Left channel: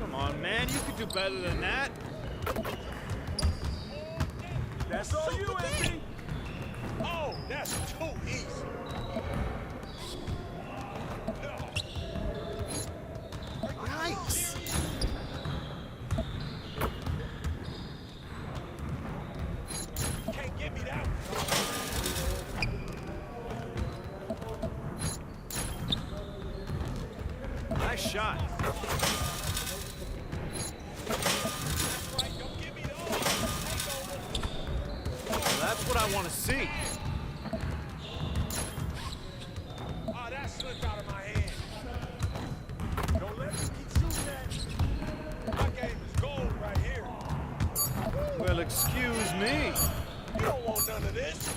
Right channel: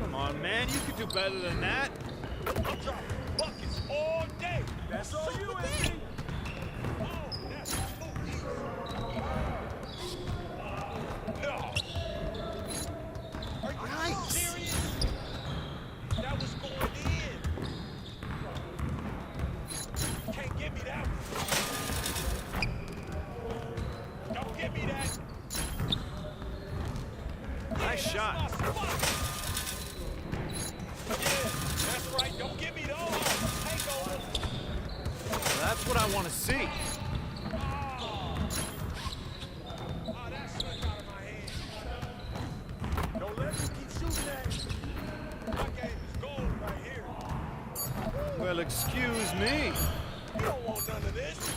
Come on, man. You could do better than that. That's all you, Anthony. Oh, that's too easy. No. Are you serious? That was going in. Can't give me that one. Don't give me that. Nice shot. Yeah, that's right. Don't give me those. Takeover. That's what I want to see. Oh, that slipped out of my hand. Don't let me keep shooting that. My game is gold right here. Well, excuse me. You don't want none of this.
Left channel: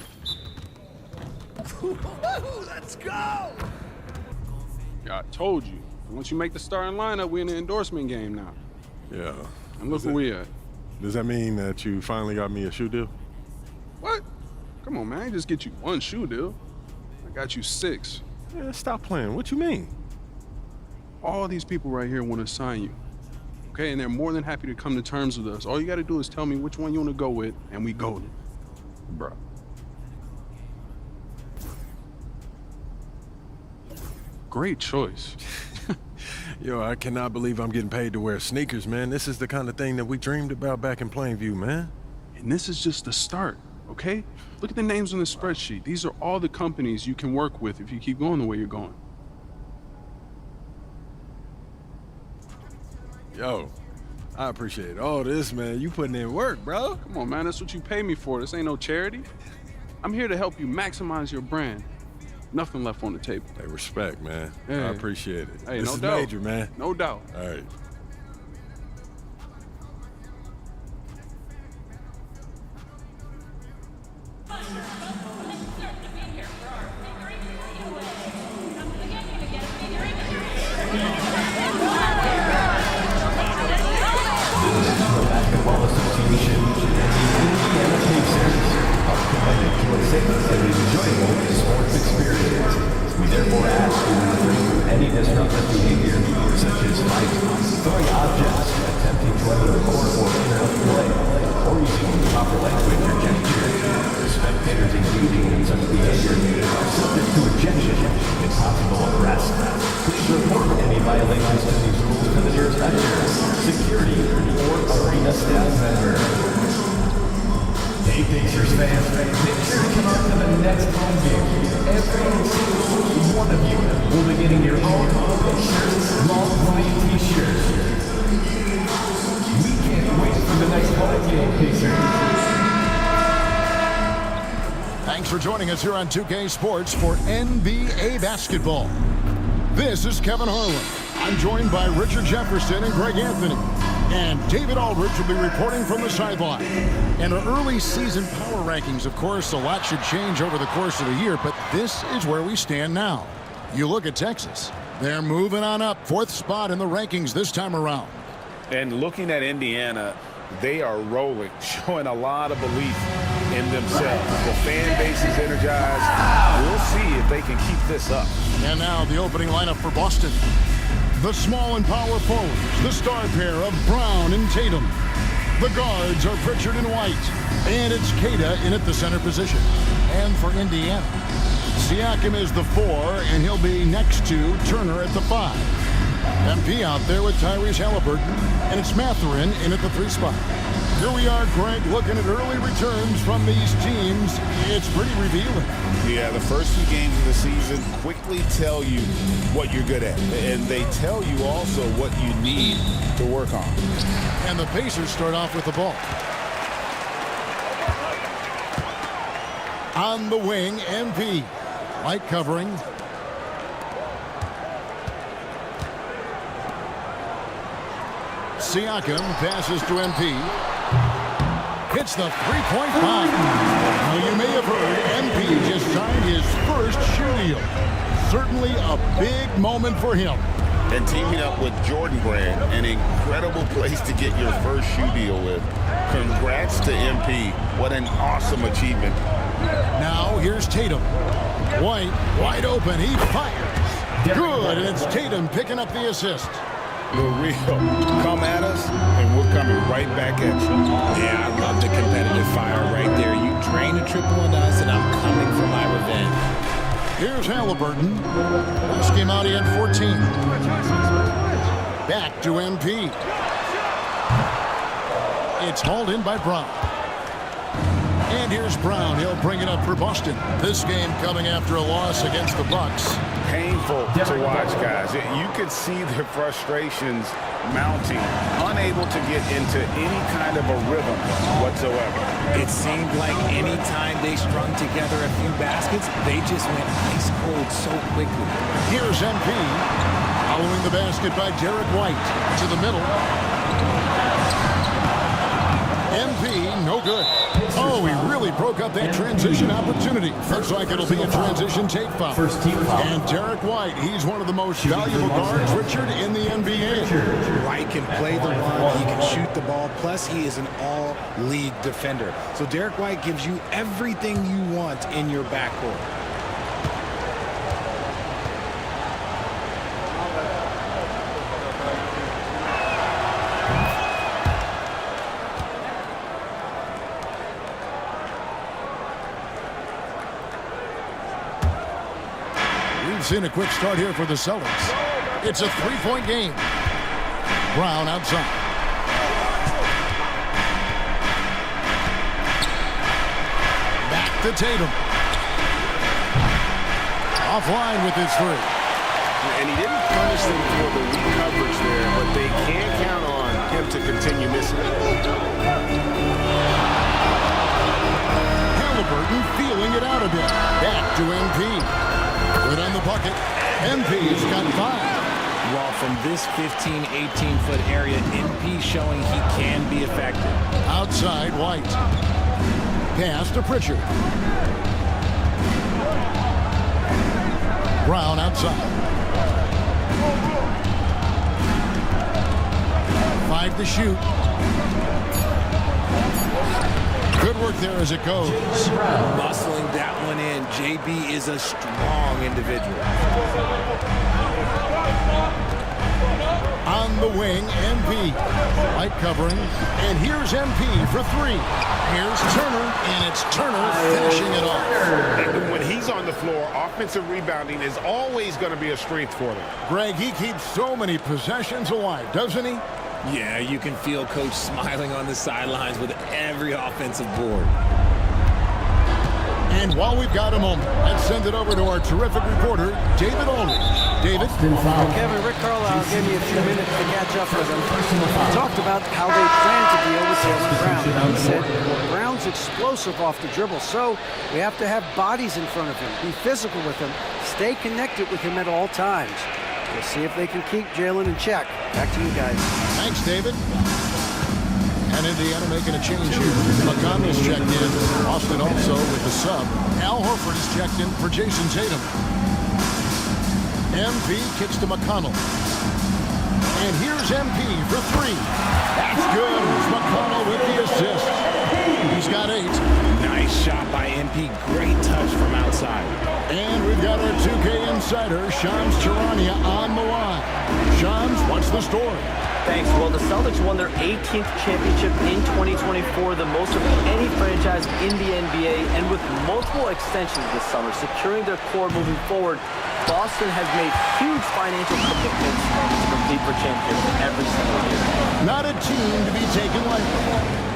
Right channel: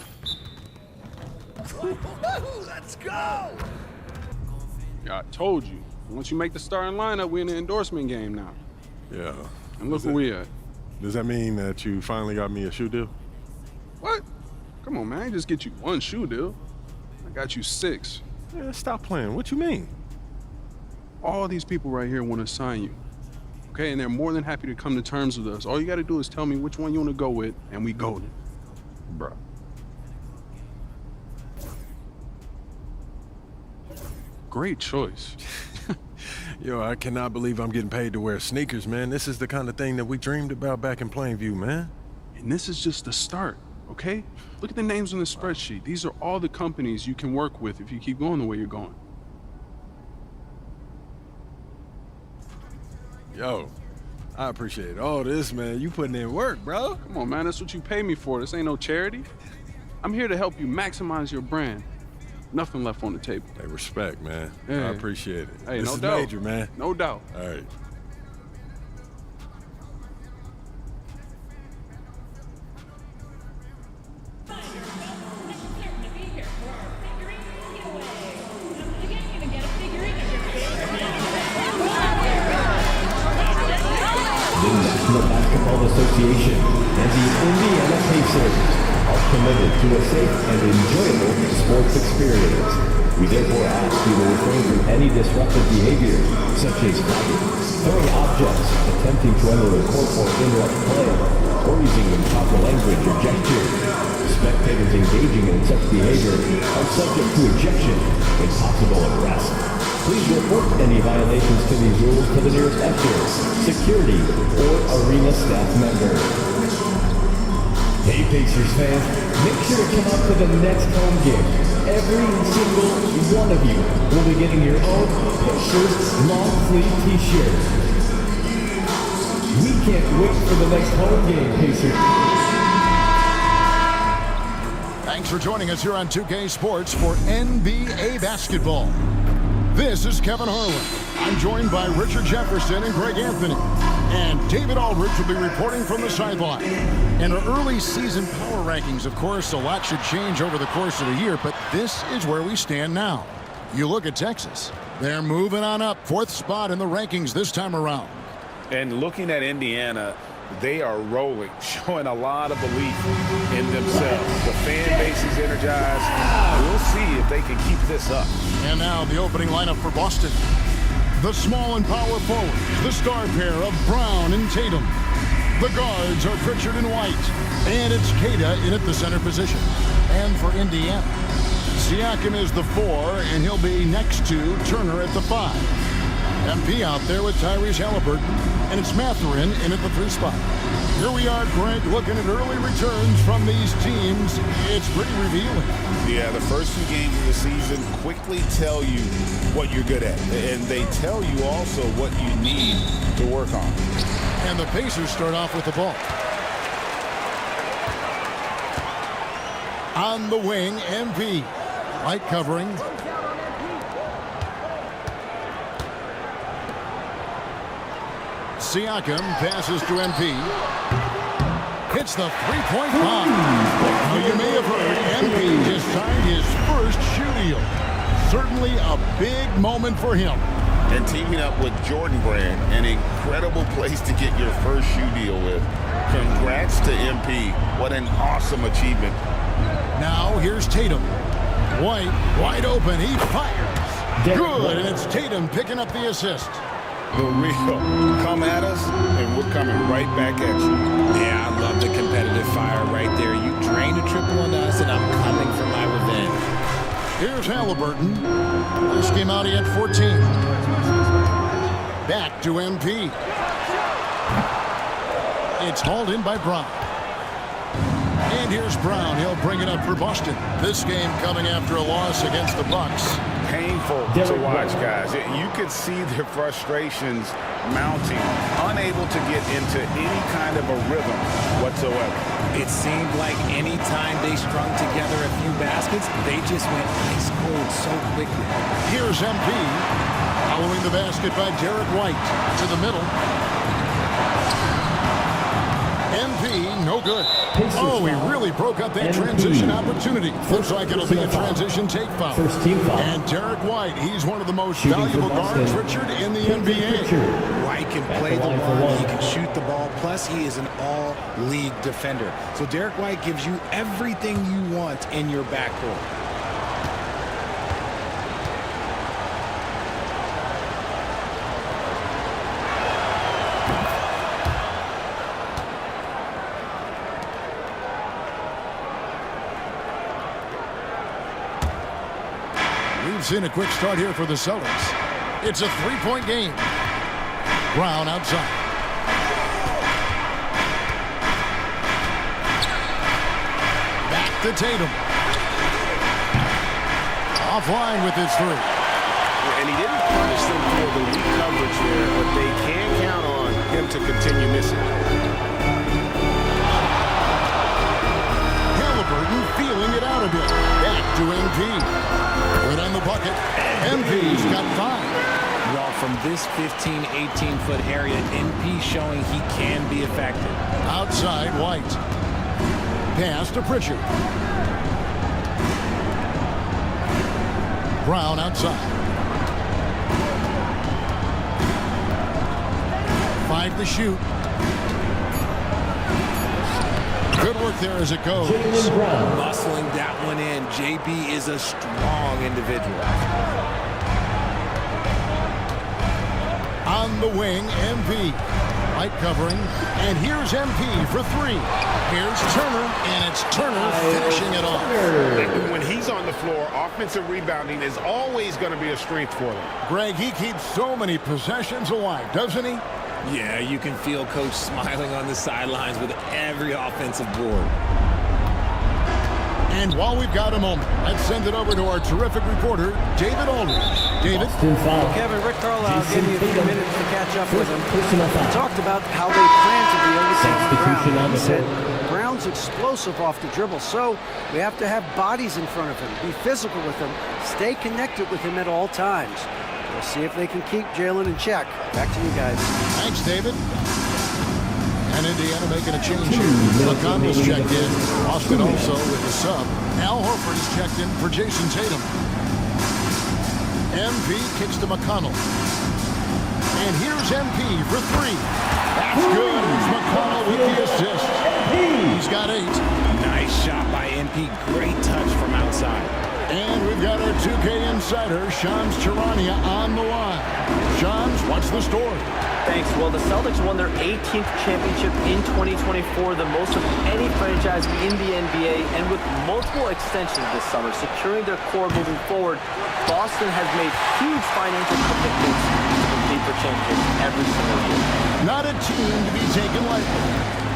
Let's go. I told you. Once you make the starting lineup, we're in the endorsement game now. Yeah. And look where we at. Does that mean that you finally got me a shoe deal? What? Come on, man. I ain't just get you one shoe deal. I got you 6. Yeah, stop playing. What you mean? All these people right here want to sign you. Okay, and they're more than happy to come to terms with us. All you got to do is tell me which one you want to go with, and we golden. Bruh. Great choice. Yo, I cannot believe I'm getting paid to wear sneakers, man. This is the kind of thing that we dreamed about back in Plainview, man. And this is just the start, okay? Look at the names on the spreadsheet. These are all the companies you can work with if you keep going the way you're going. Yo, I appreciate all this, man. You putting in work, bro. Come on, man. That's what you pay me for. This ain't no charity. I'm here to help you maximize your brand. Nothing left on the table. Hey, respect, man. Yeah. I appreciate it. Hey, this no is doubt. major, man. No doubt. All right. Basketball Association and the Indiana Pacers are committed to a safe and enjoyable sports experience. We therefore ask you to refrain from any disruptive behavior, such as fighting, throwing objects, attempting to enter the court or interrupt play, or using improper language or gestures. Spectators engaging in such behavior are subject to ejection and possible arrest. Please report any violations to these rules to the nearest usher, security, or arena staff member. Hey Pacers fans, make sure to come out to the next home game. Every single one of you will be getting your own Pacers long sleeve t-shirt. We can't wait for the next home game, Pacers. Thanks for joining us here on 2K Sports for NBA basketball. This is Kevin Harlan. I'm joined by Richard Jefferson and Greg Anthony. And David Aldridge will be reporting from the sideline. And our early season power rankings, of course, a lot should change over the course of the year, but this is where we stand now. You look at Texas. They're moving on up, 4th spot in the rankings this time around. And looking at Indiana, they are rolling, showing a lot of belief in themselves. The fan base is energized. We'll see if they can keep this up. And now the opening lineup for Boston. The small and power forwards, the star pair of Brown and Tatum. The guards are Pritchard and White. And it's Queta in at the center position. And for Indiana, Siakam is the 4, and he'll be next to Turner at the 5. MP out there with Tyrese Halliburton, and it's Mathurin in at the 3 spot. Here we are, Greg, looking at early returns from these teams. It's pretty revealing. Yeah, the first few games of the season quickly tell you what you're good at. And they tell you also what you need to work on. And the Pacers start off with the ball. On the wing, MP. Light covering. Siakam passes to MP. Hits the three-point bomb. Now, you may have heard MP just signed his first shoe deal. Certainly a big moment for him. And teaming up with Jordan Brand, an incredible place to get your first shoe deal with. Congrats to MP. What an awesome achievement. Now, here's Tatum. White, wide open. He fires. Good, and it's Tatum picking up the assist. The real. Come at us, and we're coming right back at you. Yeah, I love the competitive fire right there. You drain a triple on us, and I'm coming for my revenge. Here's Halliburton. Last game out, he had 14. Back to MP. It's hauled in by Brown. And here's Brown. He'll bring it up for Boston. This game coming after a loss against the Bucks. Painful to watch, guys. You could see their frustrations mounting, unable to get into any kind of a rhythm whatsoever. It seemed like any time they strung together a few baskets, they just went ice cold so quickly. Here's MP. Following the basket by Derek White. To the middle. MP, no good. Oh, he really broke up that transition opportunity. Looks like it'll be a transition take foul. First team foul. And Derek White, he's one of the most valuable guards, Richard, in the NBA. White can play the one, he can shoot the ball, plus he is an all-league defender. So Derek White gives you everything you want in your backcourt. We've seen a quick start here for the Celtics. It's a three-point game. Brown outside. Back to Tatum. Offline with his three. And he didn't punish them for the weak coverage there, but they can count on him to continue missing. Halliburton feeling it out a bit. Back to MP. Good on the bucket. MP's got 5. Well, from this 15, 18-foot area, MP showing he can be effective. Outside, White. Pass to Pritchard. Brown outside. 5 to shoot. Good work there as it goes. Muscling that one in. JB is a strong individual. On the wing, MP. Light covering. And here's MP for 3. Here's Turner, and it's Turner finishing it off. When he's on the floor, offensive rebounding is always going to be a strength for them. Greg, he keeps so many possessions alive, doesn't he? Yeah, you can feel Coach smiling on the sidelines with every offensive board. And while we've got a moment, let's send it over to our terrific reporter, David Aldridge. David? Well, Kevin, Rick Carlisle gave me a few minutes to catch up with him. He talked about how they plan to deal with Jaylen Brown. He said Brown's explosive off the dribble, so we have to have bodies in front of him, be physical with him, stay connected with him at all times. We'll see if they can keep Jaylen in check. Back to you guys. Thanks, David. And Indiana making a change here. McConnell's checked in. Boston also with the sub. Al Horford is checked in for Jason Tatum. MP kicks to McConnell. And here's MP for 3. That's good. It's McConnell with the assist. He's got 8. Nice shot by MP. Great touch from outside. And we've got our 2K insider, Shams Charania, on the line. Shams, what's the story? Thanks. Well, the Celtics won their 18th championship in 2024, the most of any franchise in the NBA, and with multiple extensions this summer, securing their core moving forward, Boston has made huge financial commitments to compete for championships every single year. Not a team to be taken lightly.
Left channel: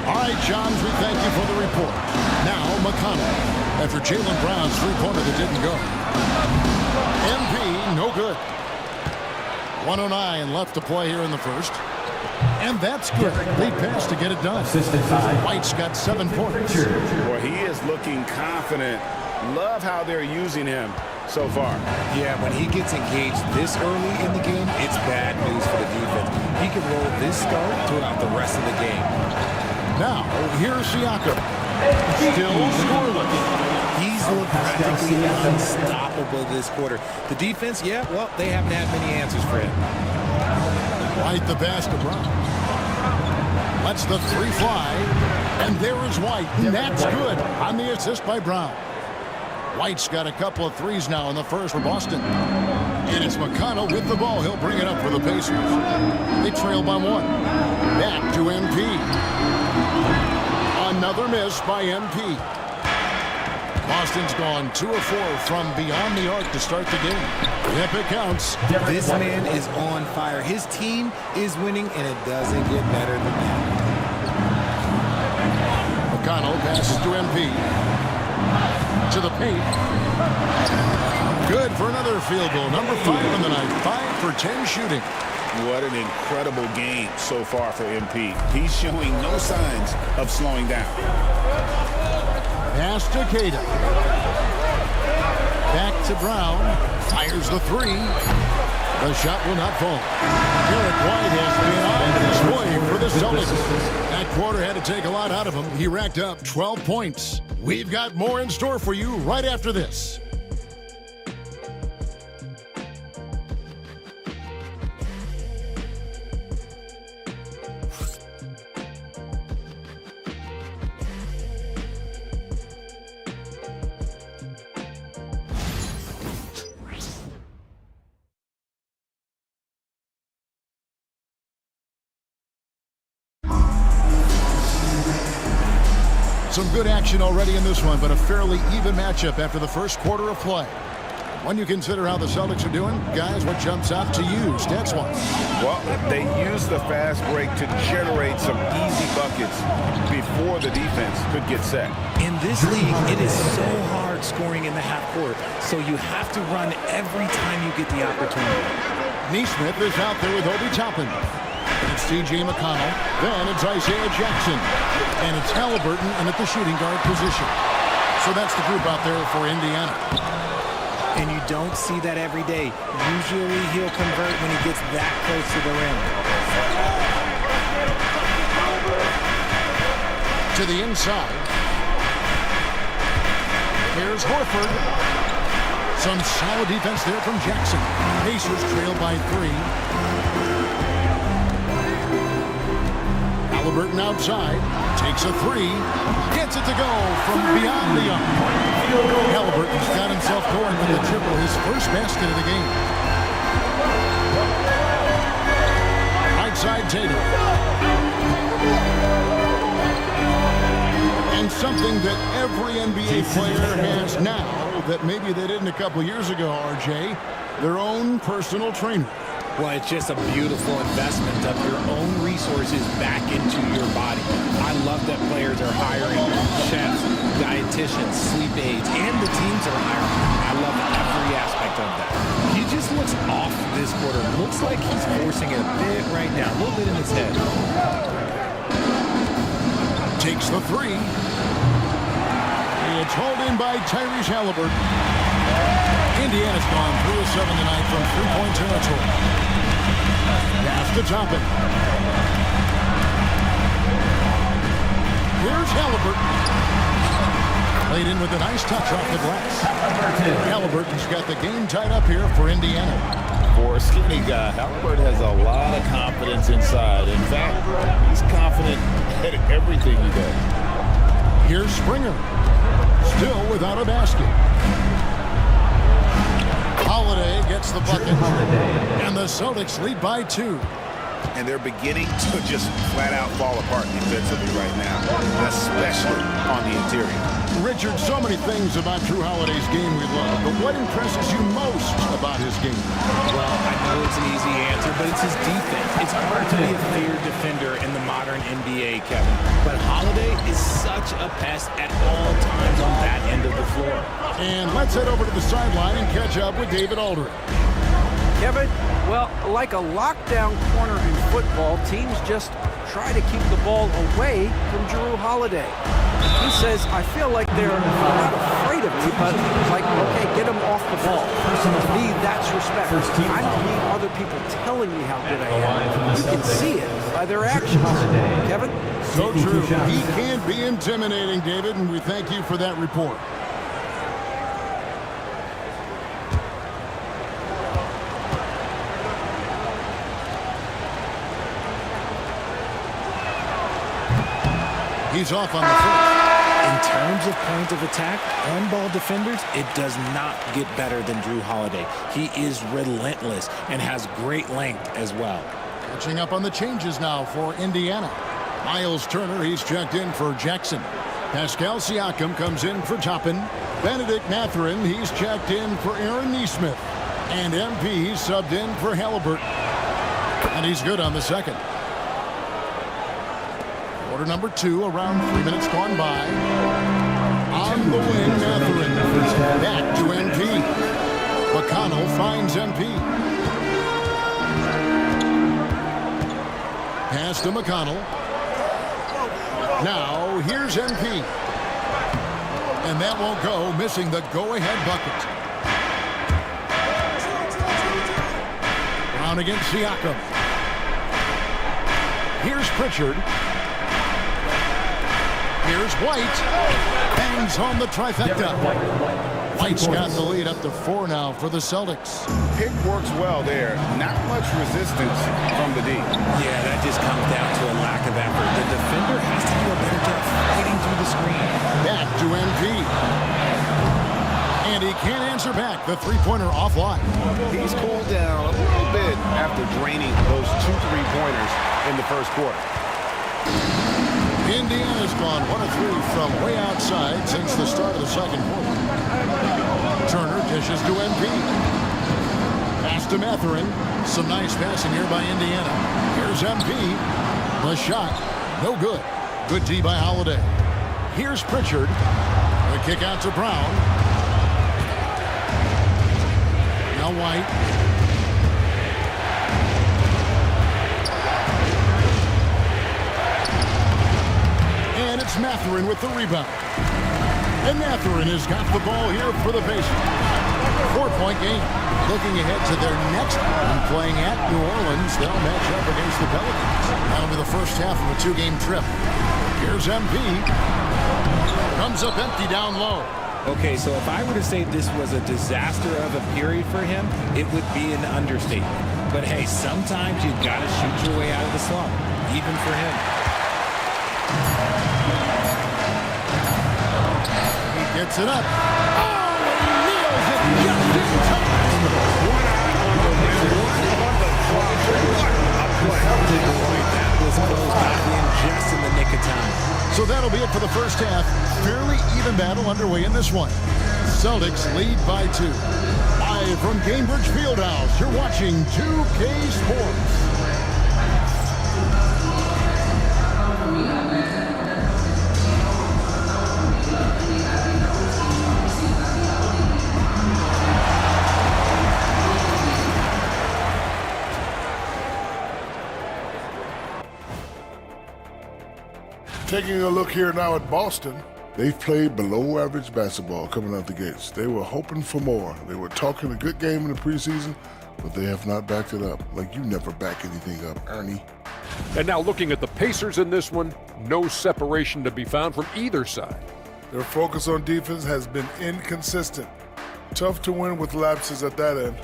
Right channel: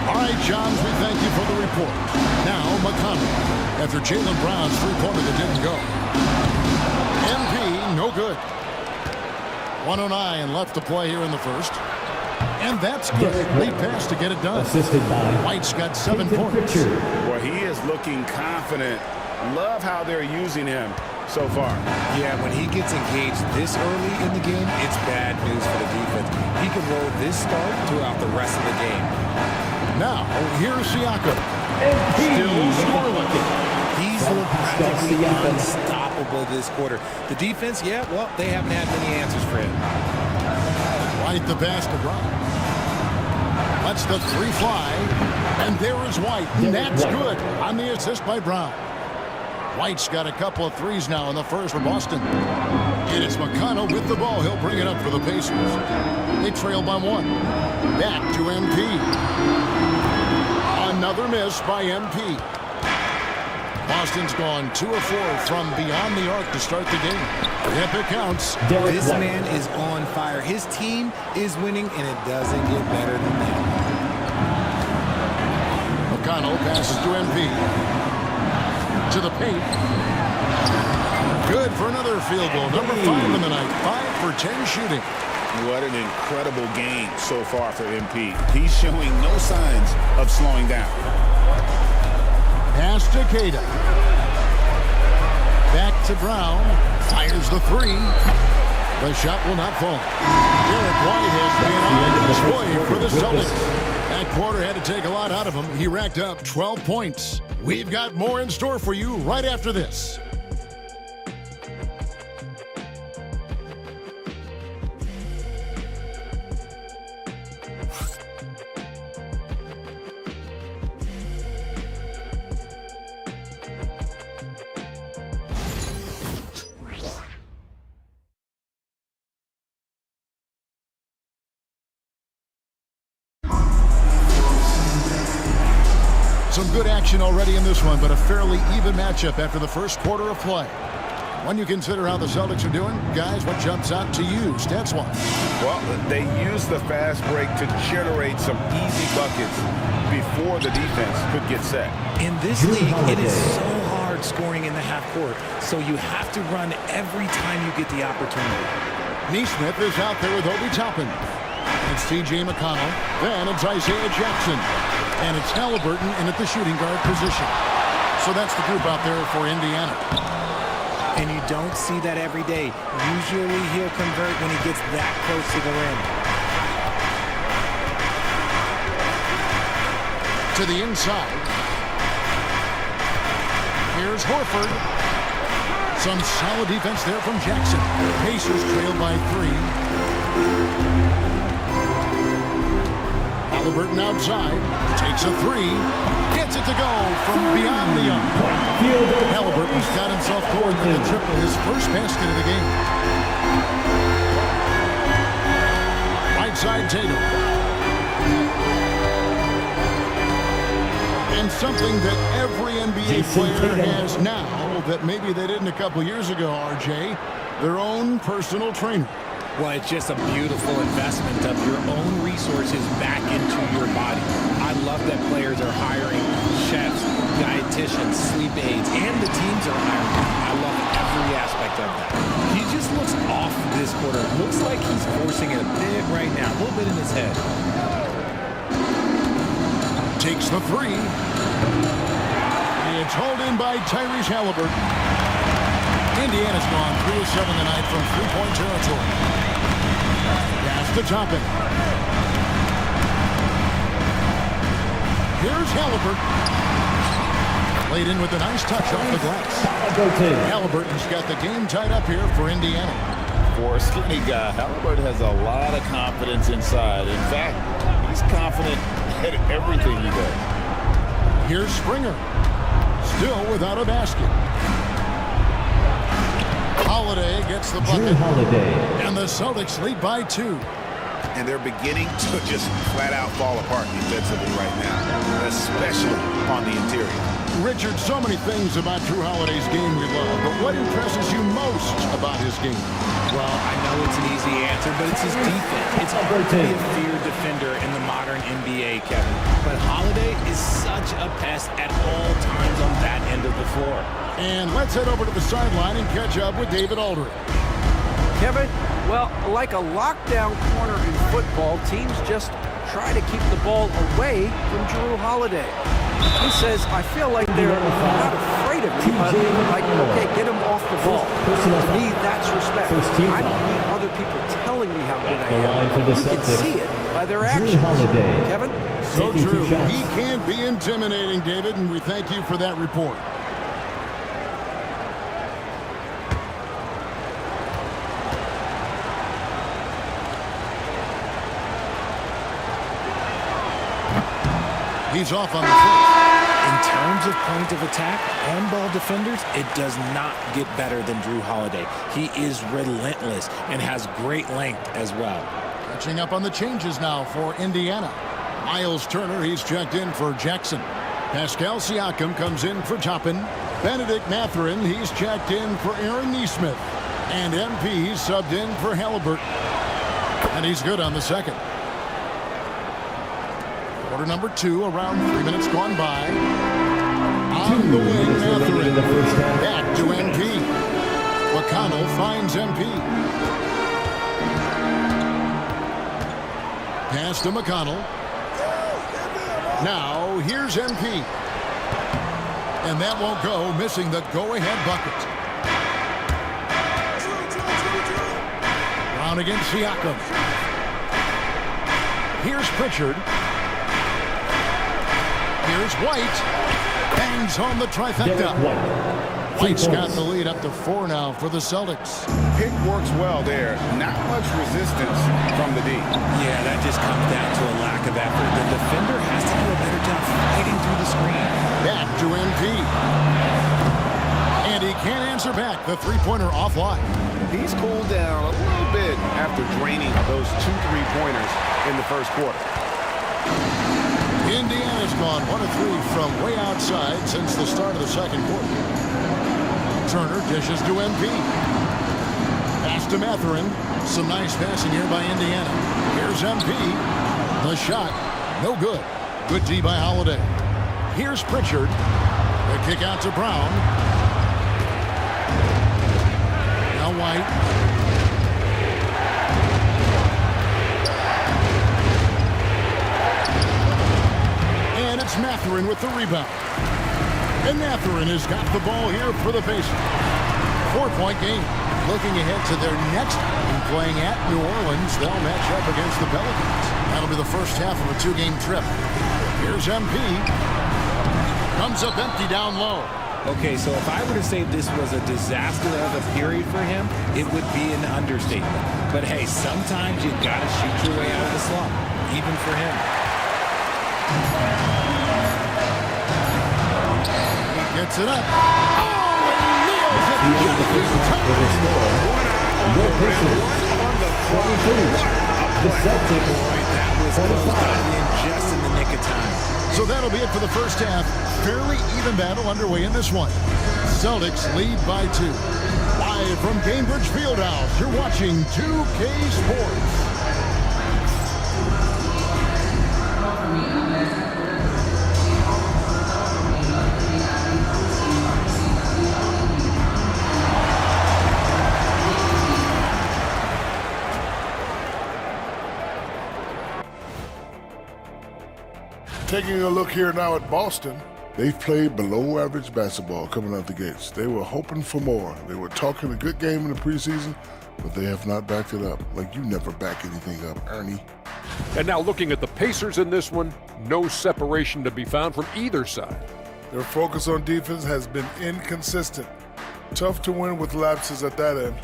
All right, Shams, we thank you for the report. Now, McConnell. After Jaylen Brown's three-pointer that didn't go. MP, no good. 1:09 left to play here in the first. And that's good. Lead pass to get it done. Assisted by White's got 7 points. Boy, he is looking confident. Love how they're using him so far. Yeah, when he gets engaged this early in the game, it's bad news for the defense. He can roll this start throughout the rest of the game. Now, here's Siakam. Still scoreless. He's looked practically unstoppable this quarter. The defense, yeah, well, they haven't had many answers for him. White the pass to Brown. Lets the 3 fly. And there is White. And that's good on the assist by Brown. White's got a couple of threes now in the first for Boston. And it's McConnell with the ball. He'll bring it up for the Pacers. They trail by 1. Back to MP. Another miss by MP. Boston's gone 2 of 4 from beyond the arc to start the game. Yep, it counts. This man is on fire. His team is winning, and it doesn't get better than that. McConnell passes to MP. To the paint. Good for another field goal. Number 5 in the night. 5 for 10 shooting. What an incredible game so far for MP. He's showing no signs of slowing down. Pass to Queta. Back to Brown. Fires the 3. The shot will not fall. Derek White has been on display for the Celtics. That quarter had to take a lot out of him. He racked up 12 points. We've got more in store for you right after this. Some good action already in this one, but a fairly even matchup after the first quarter of play. When you consider how the Celtics are doing, guys, what jumps out to you, stats-wise? Well, they used the fast break to generate some easy buckets before the defense could get set. In this league, it is so hard scoring in the half court, so you have to run every time you get the opportunity. Neesmith is out there with Obi Toppin. It's T.J. McConnell. Then it's Isaiah Jackson. And it's Halliburton in at the shooting guard position. So that's the group out there for Indiana. And you don't see that every day. Usually he'll convert when he gets that close to the rim. To the inside. Here's Horford. Some solid defense there from Jackson. Pacers trail by 3. Halliburton outside, takes a 3, gets it to go from beyond the arc. Halliburton's got himself going with the triple, his first basket of the game. Right side Tatum. And something that every NBA player has now that maybe they didn't a couple years ago, RJ, their own personal trainer. Well, it's just a beautiful investment of your own resources back into your body. I love that players are hiring chefs, dietitians, sleep aides, and the teams are hiring them. I love every aspect of that. He just looks off this quarter. Looks like he's forcing it a bit right now, a little bit in his head. Takes the 3. It's hauled in by Tyrese Halliburton. Indiana's gone 3 of 7 tonight from three-point territory. Pass to Toppin. Here's Halliburton. Played in with a nice touch off the glass. Halliburton's got the game tied up here for Indiana. For a skinny guy, Halliburton has a lot of confidence inside. In fact, he's confident at everything he does. Here's Springer. Still without a basket. Holiday gets the bucket, and the Celtics lead by 2. And they're beginning to just flat out fall apart defensively right now, especially on the interior. Richard, so many things about Drew Holiday's game we love, but what impresses you most about his game? Well, I know it's an easy answer, but it's his defense. It's hard to be a feared defender in the modern NBA, Kevin. But Holiday is such a pest at all times on that end of the floor. And let's head over to the sideline and catch up with David Aldridge. Kevin, well, like a lockdown corner in football, teams just try to keep the ball away from Jrue Holiday. He says, I feel like they're not afraid of me, but like, okay, get him off the ball. To me, that's respect. I don't need other people telling me how good I am. You can see it by their actions. Kevin? So true. He can be intimidating, David, and we thank you for that report. He's off on the first. In terms of point of attack, on-ball defenders, it does not get better than Drew Holiday. He is relentless and has great length as well. Catching up on the changes now for Indiana. Miles Turner, he's checked in for Jackson. Pascal Siakam comes in for Toppin. Benedict Mathurin, he's checked in for Aaron Nesmith. And MP, he's subbed in for Halliburton. And he's good on the second. Quarter number 2, around 3 minutes gone by. On the wing, Mathurin. Back to MP. McConnell finds MP. Pass to McConnell. Now, here's MP. And that won't go, missing the go-ahead bucket. Brown against Siakam. Here's Pritchard. Here's White. Bangs home the trifecta. White's got the lead up to 4 now for the Celtics. Pick works well there. Not much resistance from the D. Yeah, that just comes down to a lack of effort. The defender has to do a better job fighting through the screen. Back to MP. And he can't answer back. The three-pointer offline. He's cooled down a little bit after draining those 2 3-pointers in the first quarter. Indiana's gone 1 of 3 from way outside since the start of the second quarter. Turner dishes to MP. Pass to Mathurin. Some nice passing here by Indiana. Here's MP. The shot, no good. Good D by Holiday. Here's Pritchard. The kick out to Brown. Now White. And it's Mathurin with the rebound. And Mathurin has got the ball here for the Pacers. 4-point game. Looking ahead to their next one, playing at New Orleans. They'll match up against the Pelicans. That'll be the first half of a 2-game trip. Here's MP. Comes up empty down low. Okay, so if I were to say this was a disaster of a period for him, it would be an understatement. But hey, sometimes you gotta shoot your way out of the slump, even for him. He gets it up. Oh, and he nails it just in time. 1 eye on the rim, 1 on the clock. What a play. Boy, that was close. Got it in just in the nick of time. So that'll be it for the first half. Fairly even battle underway in this one. Celtics lead by 2. Live from Gainbridge Fieldhouse, you're watching 2K Sports. Taking a look here now at Boston, they've played below average basketball coming out the gates. They were hoping for more. They were talking a good game in the preseason, but they have not backed it up. Like, you never back anything up, Ernie. And now looking at the Pacers in this one, no separation to be found from either side. Their focus on defense has been inconsistent. Tough to win with lapses at that end.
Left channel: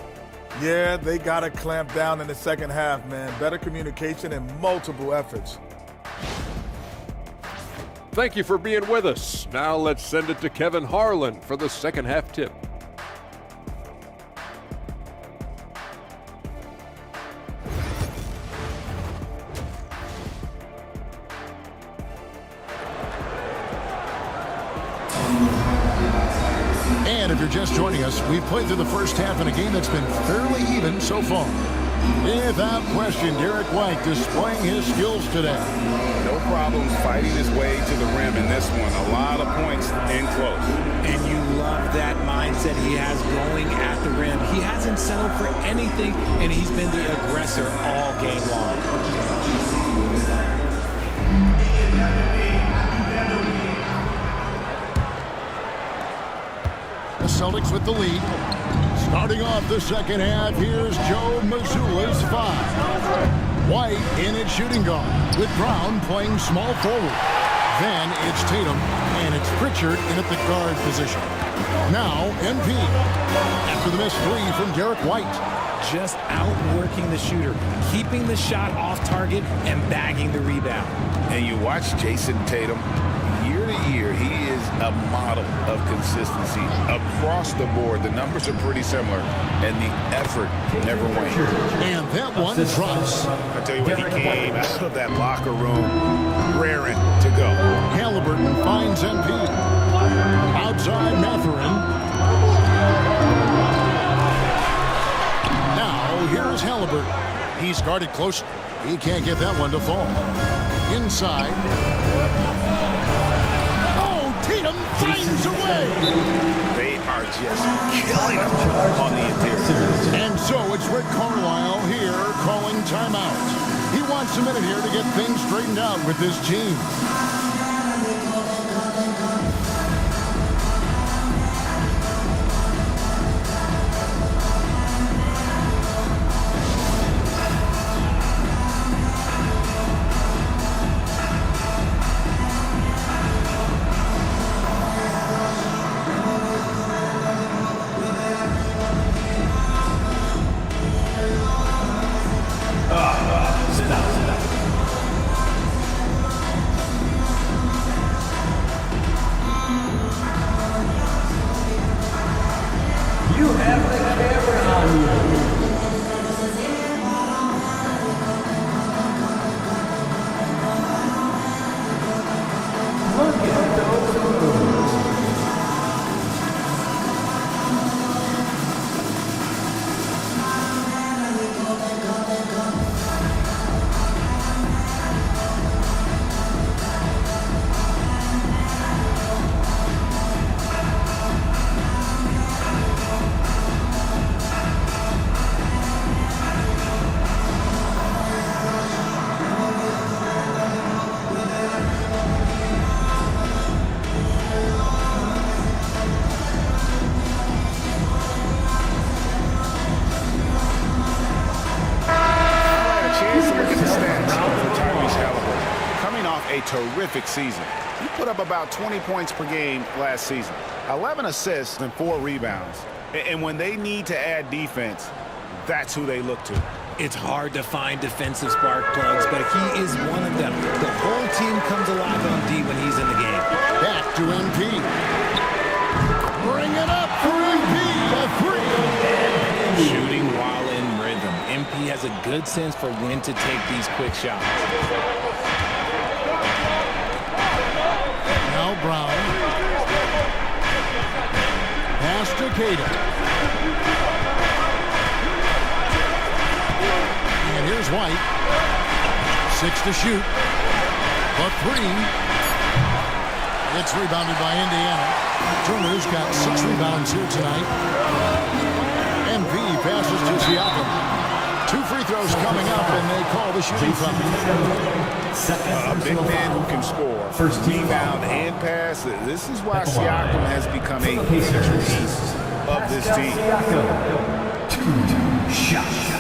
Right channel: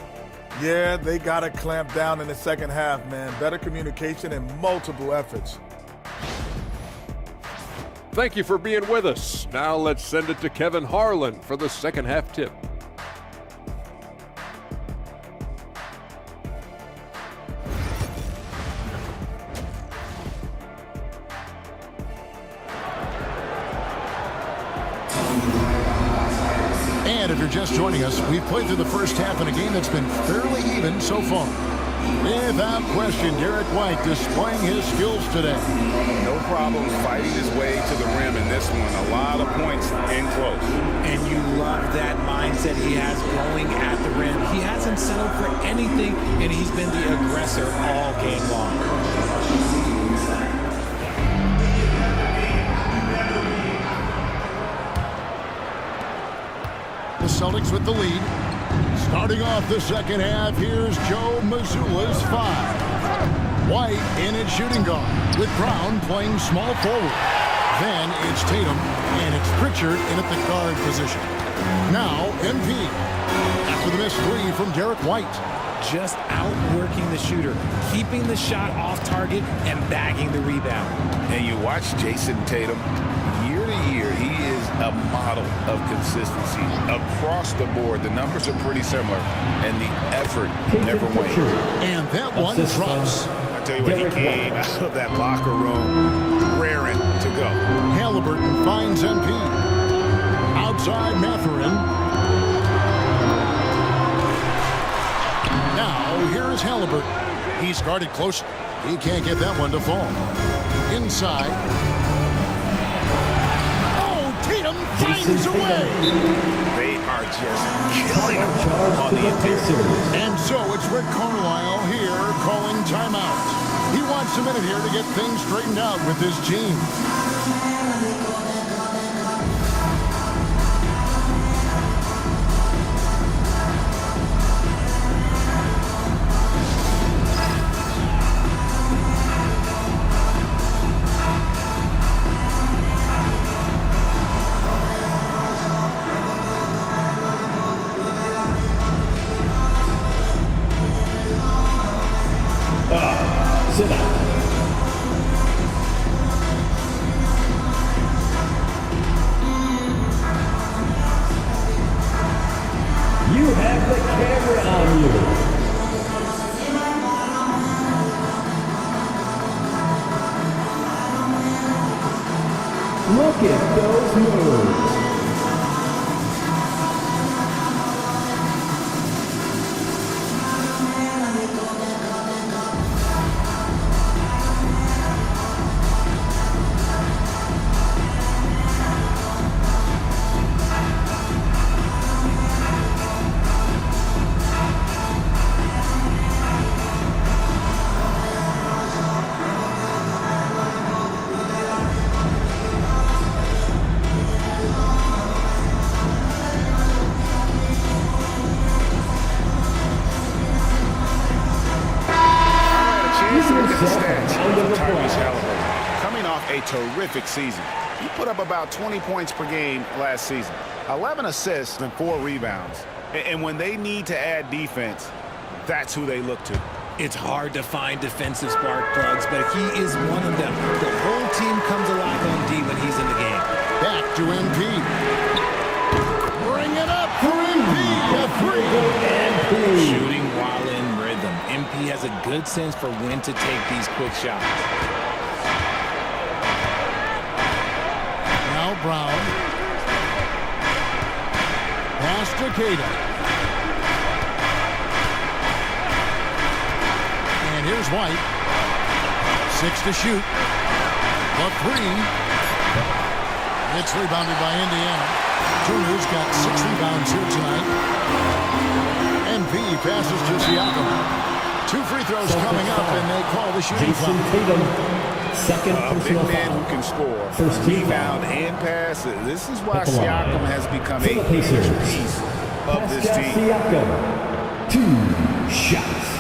Yeah, they got to clamp down in the second half, man. Better communication and multiple efforts. Thank you for being with us. Now let's send it to Kevin Harlan for the second half tip. And if you're just joining us, we've played through the first half in a game that's been fairly even so far. Without question, Derek White displaying his skills today. No problems fighting his way to the rim in this one. A lot of points in close. And you love that mindset he has going at the rim. He hasn't settled for anything, and he's been the aggressor all game long. The Celtics with the lead. Starting off the second half, here's Joe Mazzulla's 5. White in at shooting guard, with Brown playing small forward. Then it's Tatum, and it's Pritchard in at the guard position. Now, MP. After the missed 3 from Derek White. Just outworking the shooter, keeping the shot off target and bagging the rebound. And you watch Jason Tatum, year to year, he is a model of consistency. Across the board, the numbers are pretty similar, and the effort never wanes. And that one drops. I tell you what, he came out of that locker room raring to go. Halliburton finds MP. Outside Mathurin. Now, here is Halliburton. He's guarded closely. He can't get that one to fall. Inside. Oh, Tatum finds a way. They are just killing him on the interior. And so it's Rick Carlisle here calling timeout. He wants a minute here to get things straightened out with his team. Sit out. You have the camera on you. Look at those moves. Coming off a terrific season. He put up about 20 points per game last season, 11 assists and 4 rebounds. And when they need to add defense, that's who they look to. It's hard to find defensive spark plugs, but he is one of them. The whole team comes alive on D when he's in the game. Back to MP. Bring it up for MP. A three. MP. Shooting while in rhythm. MP has a good sense for when to take these quick shots. Now Brown. Pass to Keita. And here's White. 6 to shoot. The three. It's rebounded by Indiana. Turner's got 6 rebounds here tonight. MP passes to Siakam. 2 free throws coming up, and they call the shooting foul. A big man who can score, rebound, and pass. This is why Siakam has become a huge piece of this team. 2 shots.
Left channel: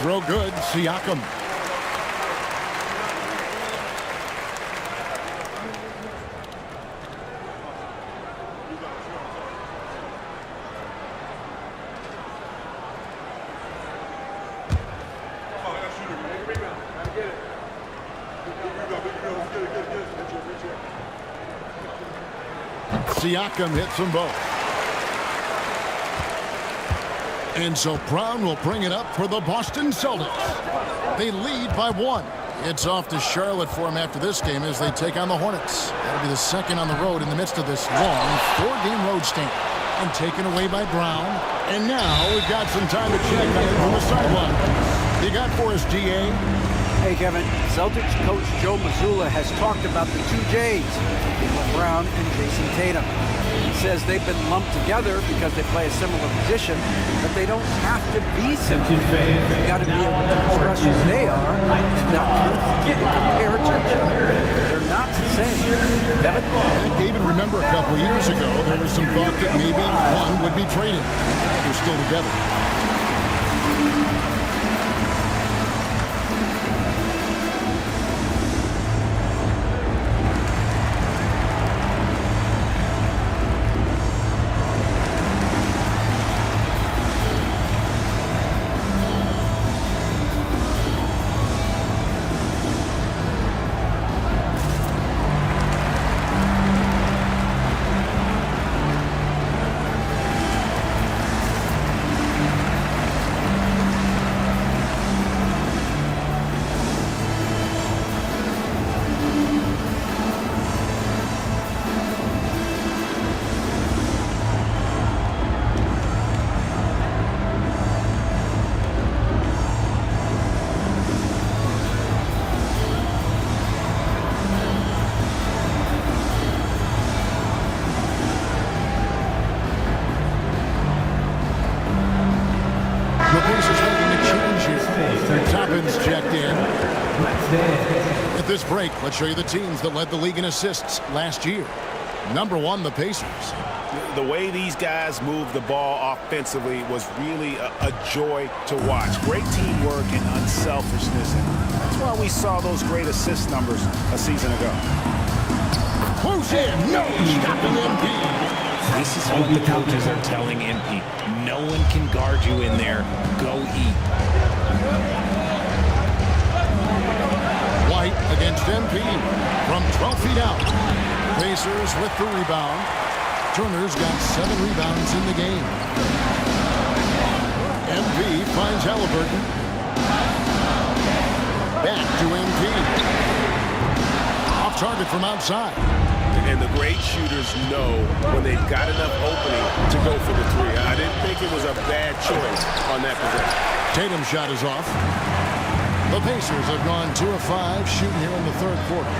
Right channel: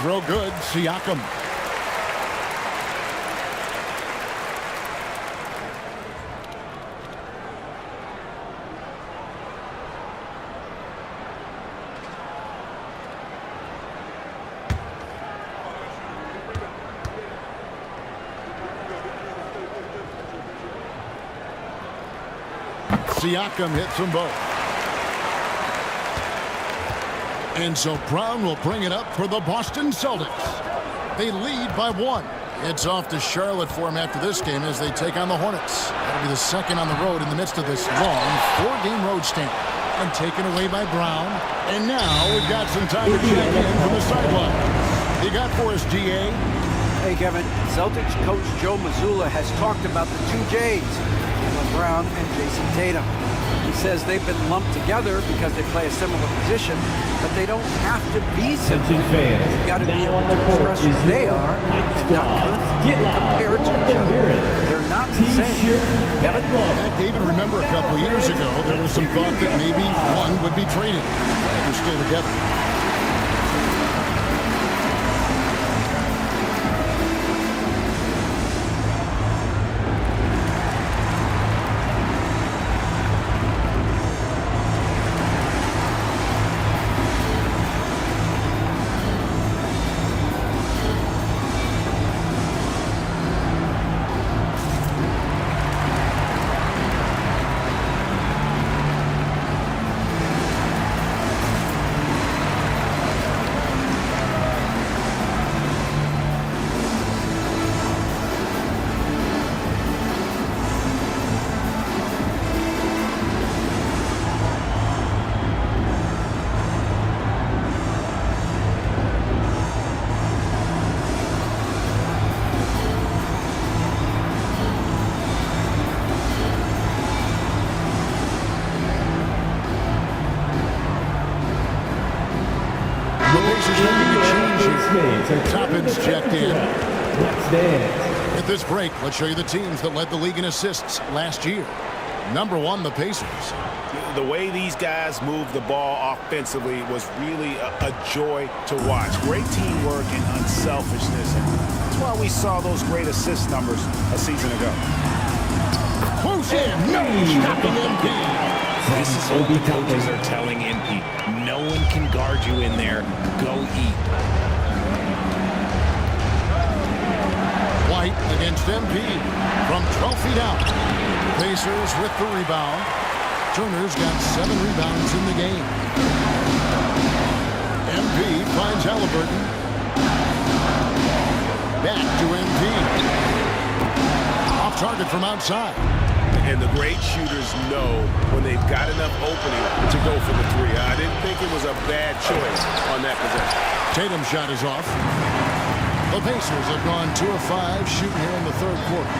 Throw good, Siakam. Siakam hits them both. And so Brown will bring it up for the Boston Celtics. They lead by 1. It's off to Charlotte for them after this game as they take on the Hornets. That'll be the second on the road in the midst of this long 4-game road stint. And taken away by Brown. And now we've got some time to check in from the sideline. You got for us, GA? Hey, Kevin. Celtics coach Joe Mazzulla has talked about the 2 J's, Jaylen Brown and Jason Tatum. He says they've been lumped together because they play a similar position, but they don't have to be similar. They've got to be able to express who they are and not get compared to each other. They're not the same. Kevin? David, remember a couple of years ago, there was some thought that maybe one would be traded. They're still together. Toppin's checked in. At this break, let's show you the teams that led the league in assists last year. Number 1, the Pacers. The way these guys moved the ball offensively was really a joy to watch. Great teamwork and unselfishness, and that's why we saw those great assist numbers a season ago. Close in, no stopping MP. This is what the coaches are telling MP. No one can guard you in there. Go eat. White against MP from 12 feet out. Pacers with the rebound. Turner's got 7 rebounds in the game. MP finds Halliburton. Back to MP. Off target from outside. And the great shooters know when they've got enough opening to go for the 3. I didn't think it was a bad choice on that possession. Tatum's shot is off. The Pacers have gone 2 of 5 shooting here in the third quarter.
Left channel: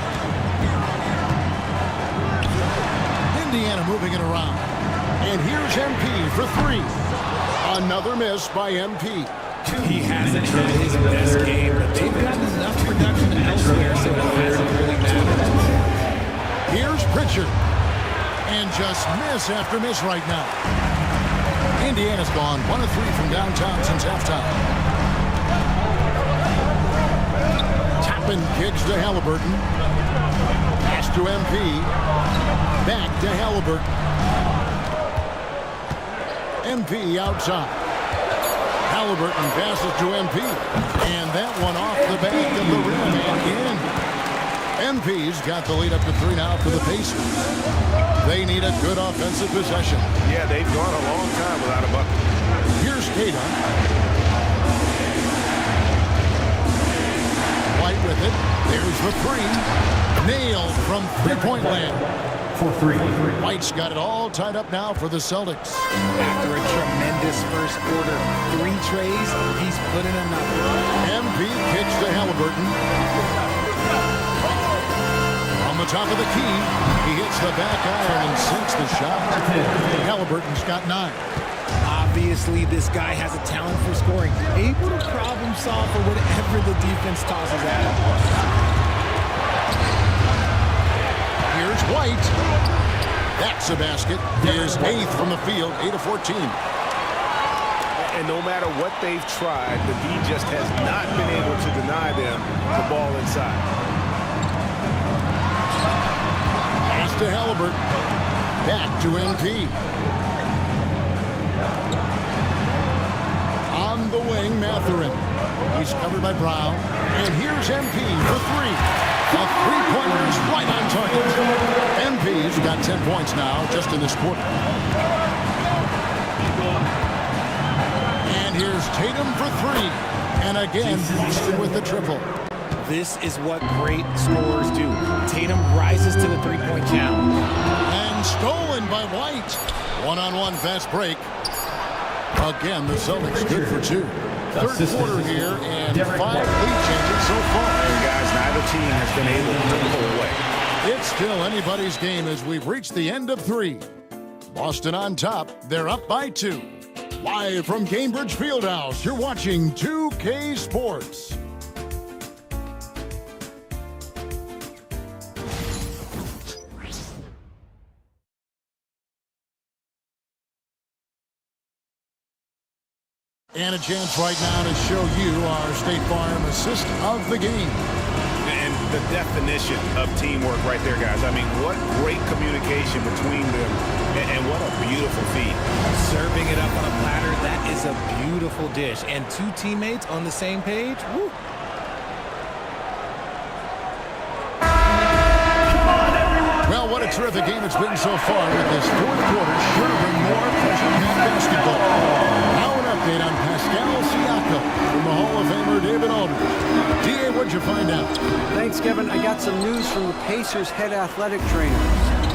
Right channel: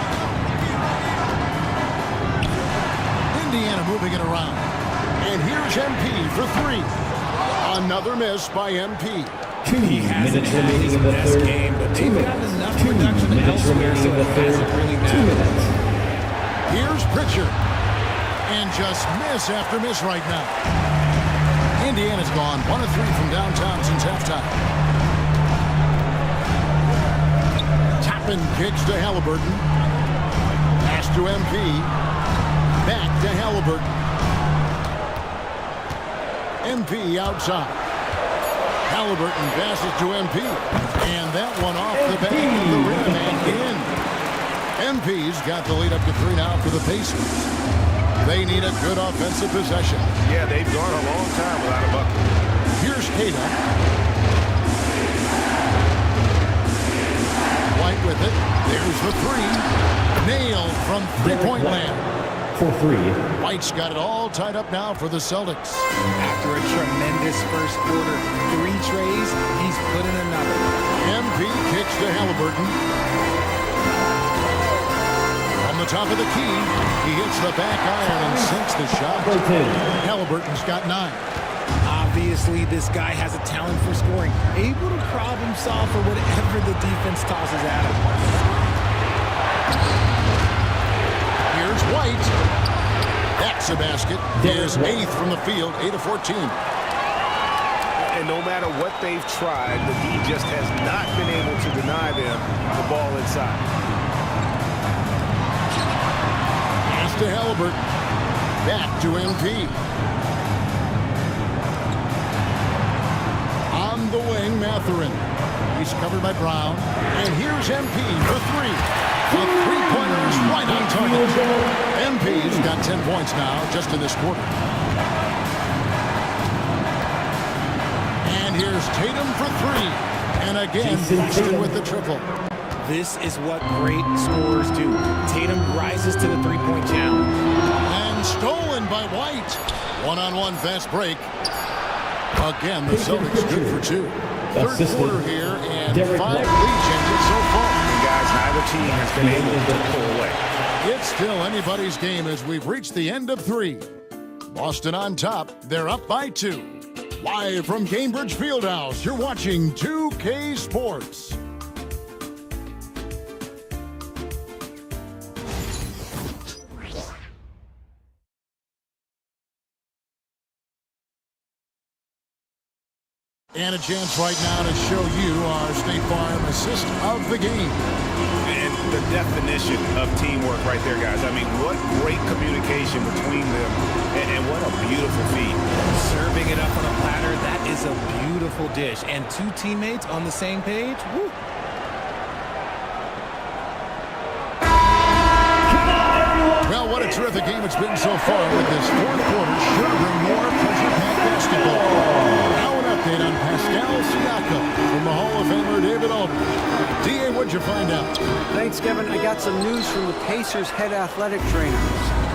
Indiana moving it around. And here's MP for 3. Another miss by MP. He hasn't had his best game, but they've gotten enough production elsewhere, so it hasn't really mattered. Here's Pritchard. And just miss after miss right now. Indiana's gone 1 of 3 from downtown since halftime. Toppin kicks to Halliburton. Pass to MP. Back to Halliburton. MP outside. Halliburton passes to MP. And that one off the back of the rim and in. MP's got the lead up to 3 now for the Pacers. They need a good offensive possession. Yeah, they've gone a long time without a bucket. Here's Keita. White with it. There's the 3. Nailed from three-point land. For 3. White's got it all tied up now for the Celtics. After a tremendous first quarter, 3 trays, he's put in another. MP kicks to Halliburton. On the top of the key, he hits the back iron and sinks the shot. Halliburton's got 9. Obviously, this guy has a talent for scoring, able to problem solve for whatever the defense tosses at him. Here's White. That's a basket. His 8th from the field, 8 of 14. And no matter what they've tried, the D just has not been able to deny them the ball inside. Pass to Halliburton. Back to MP. On the wing, Mathurin. He's covered by Brown. And here's MP for 3. The three-pointer's right on target. MP's got 10 points now just in this quarter. And here's Tatum for 3. And again, Boston with the triple. This is what great scorers do. Tatum rises to the three-point challenge. And stolen by White. One-on-one fast break. Again, the Celtics good for 2. Third quarter here, and 5 lead changes so far. And guys, neither team has been able to pull away. It's still anybody's game as we've reached the end of 3. Boston on top. They're up by 2. Live from Cambridge Fieldhouse, you're watching 2K Sports. And a chance right now to show you our State Farm assist of the game. And the definition of teamwork right there, guys. I mean, what great communication between them, and what a beautiful feed. Serving it up on a platter, that is a beautiful dish. And 2 teammates on the same page, woo. Well, what a terrific game it's been so far with this fourth quarter. Sure to bring more pressure-packed basketball. Now an update on Pascal Siakam from the Hall of Famer David Aldridge. D.A., what'd you find out? Thanks, Kevin. I got some news from the Pacers head athletic trainer.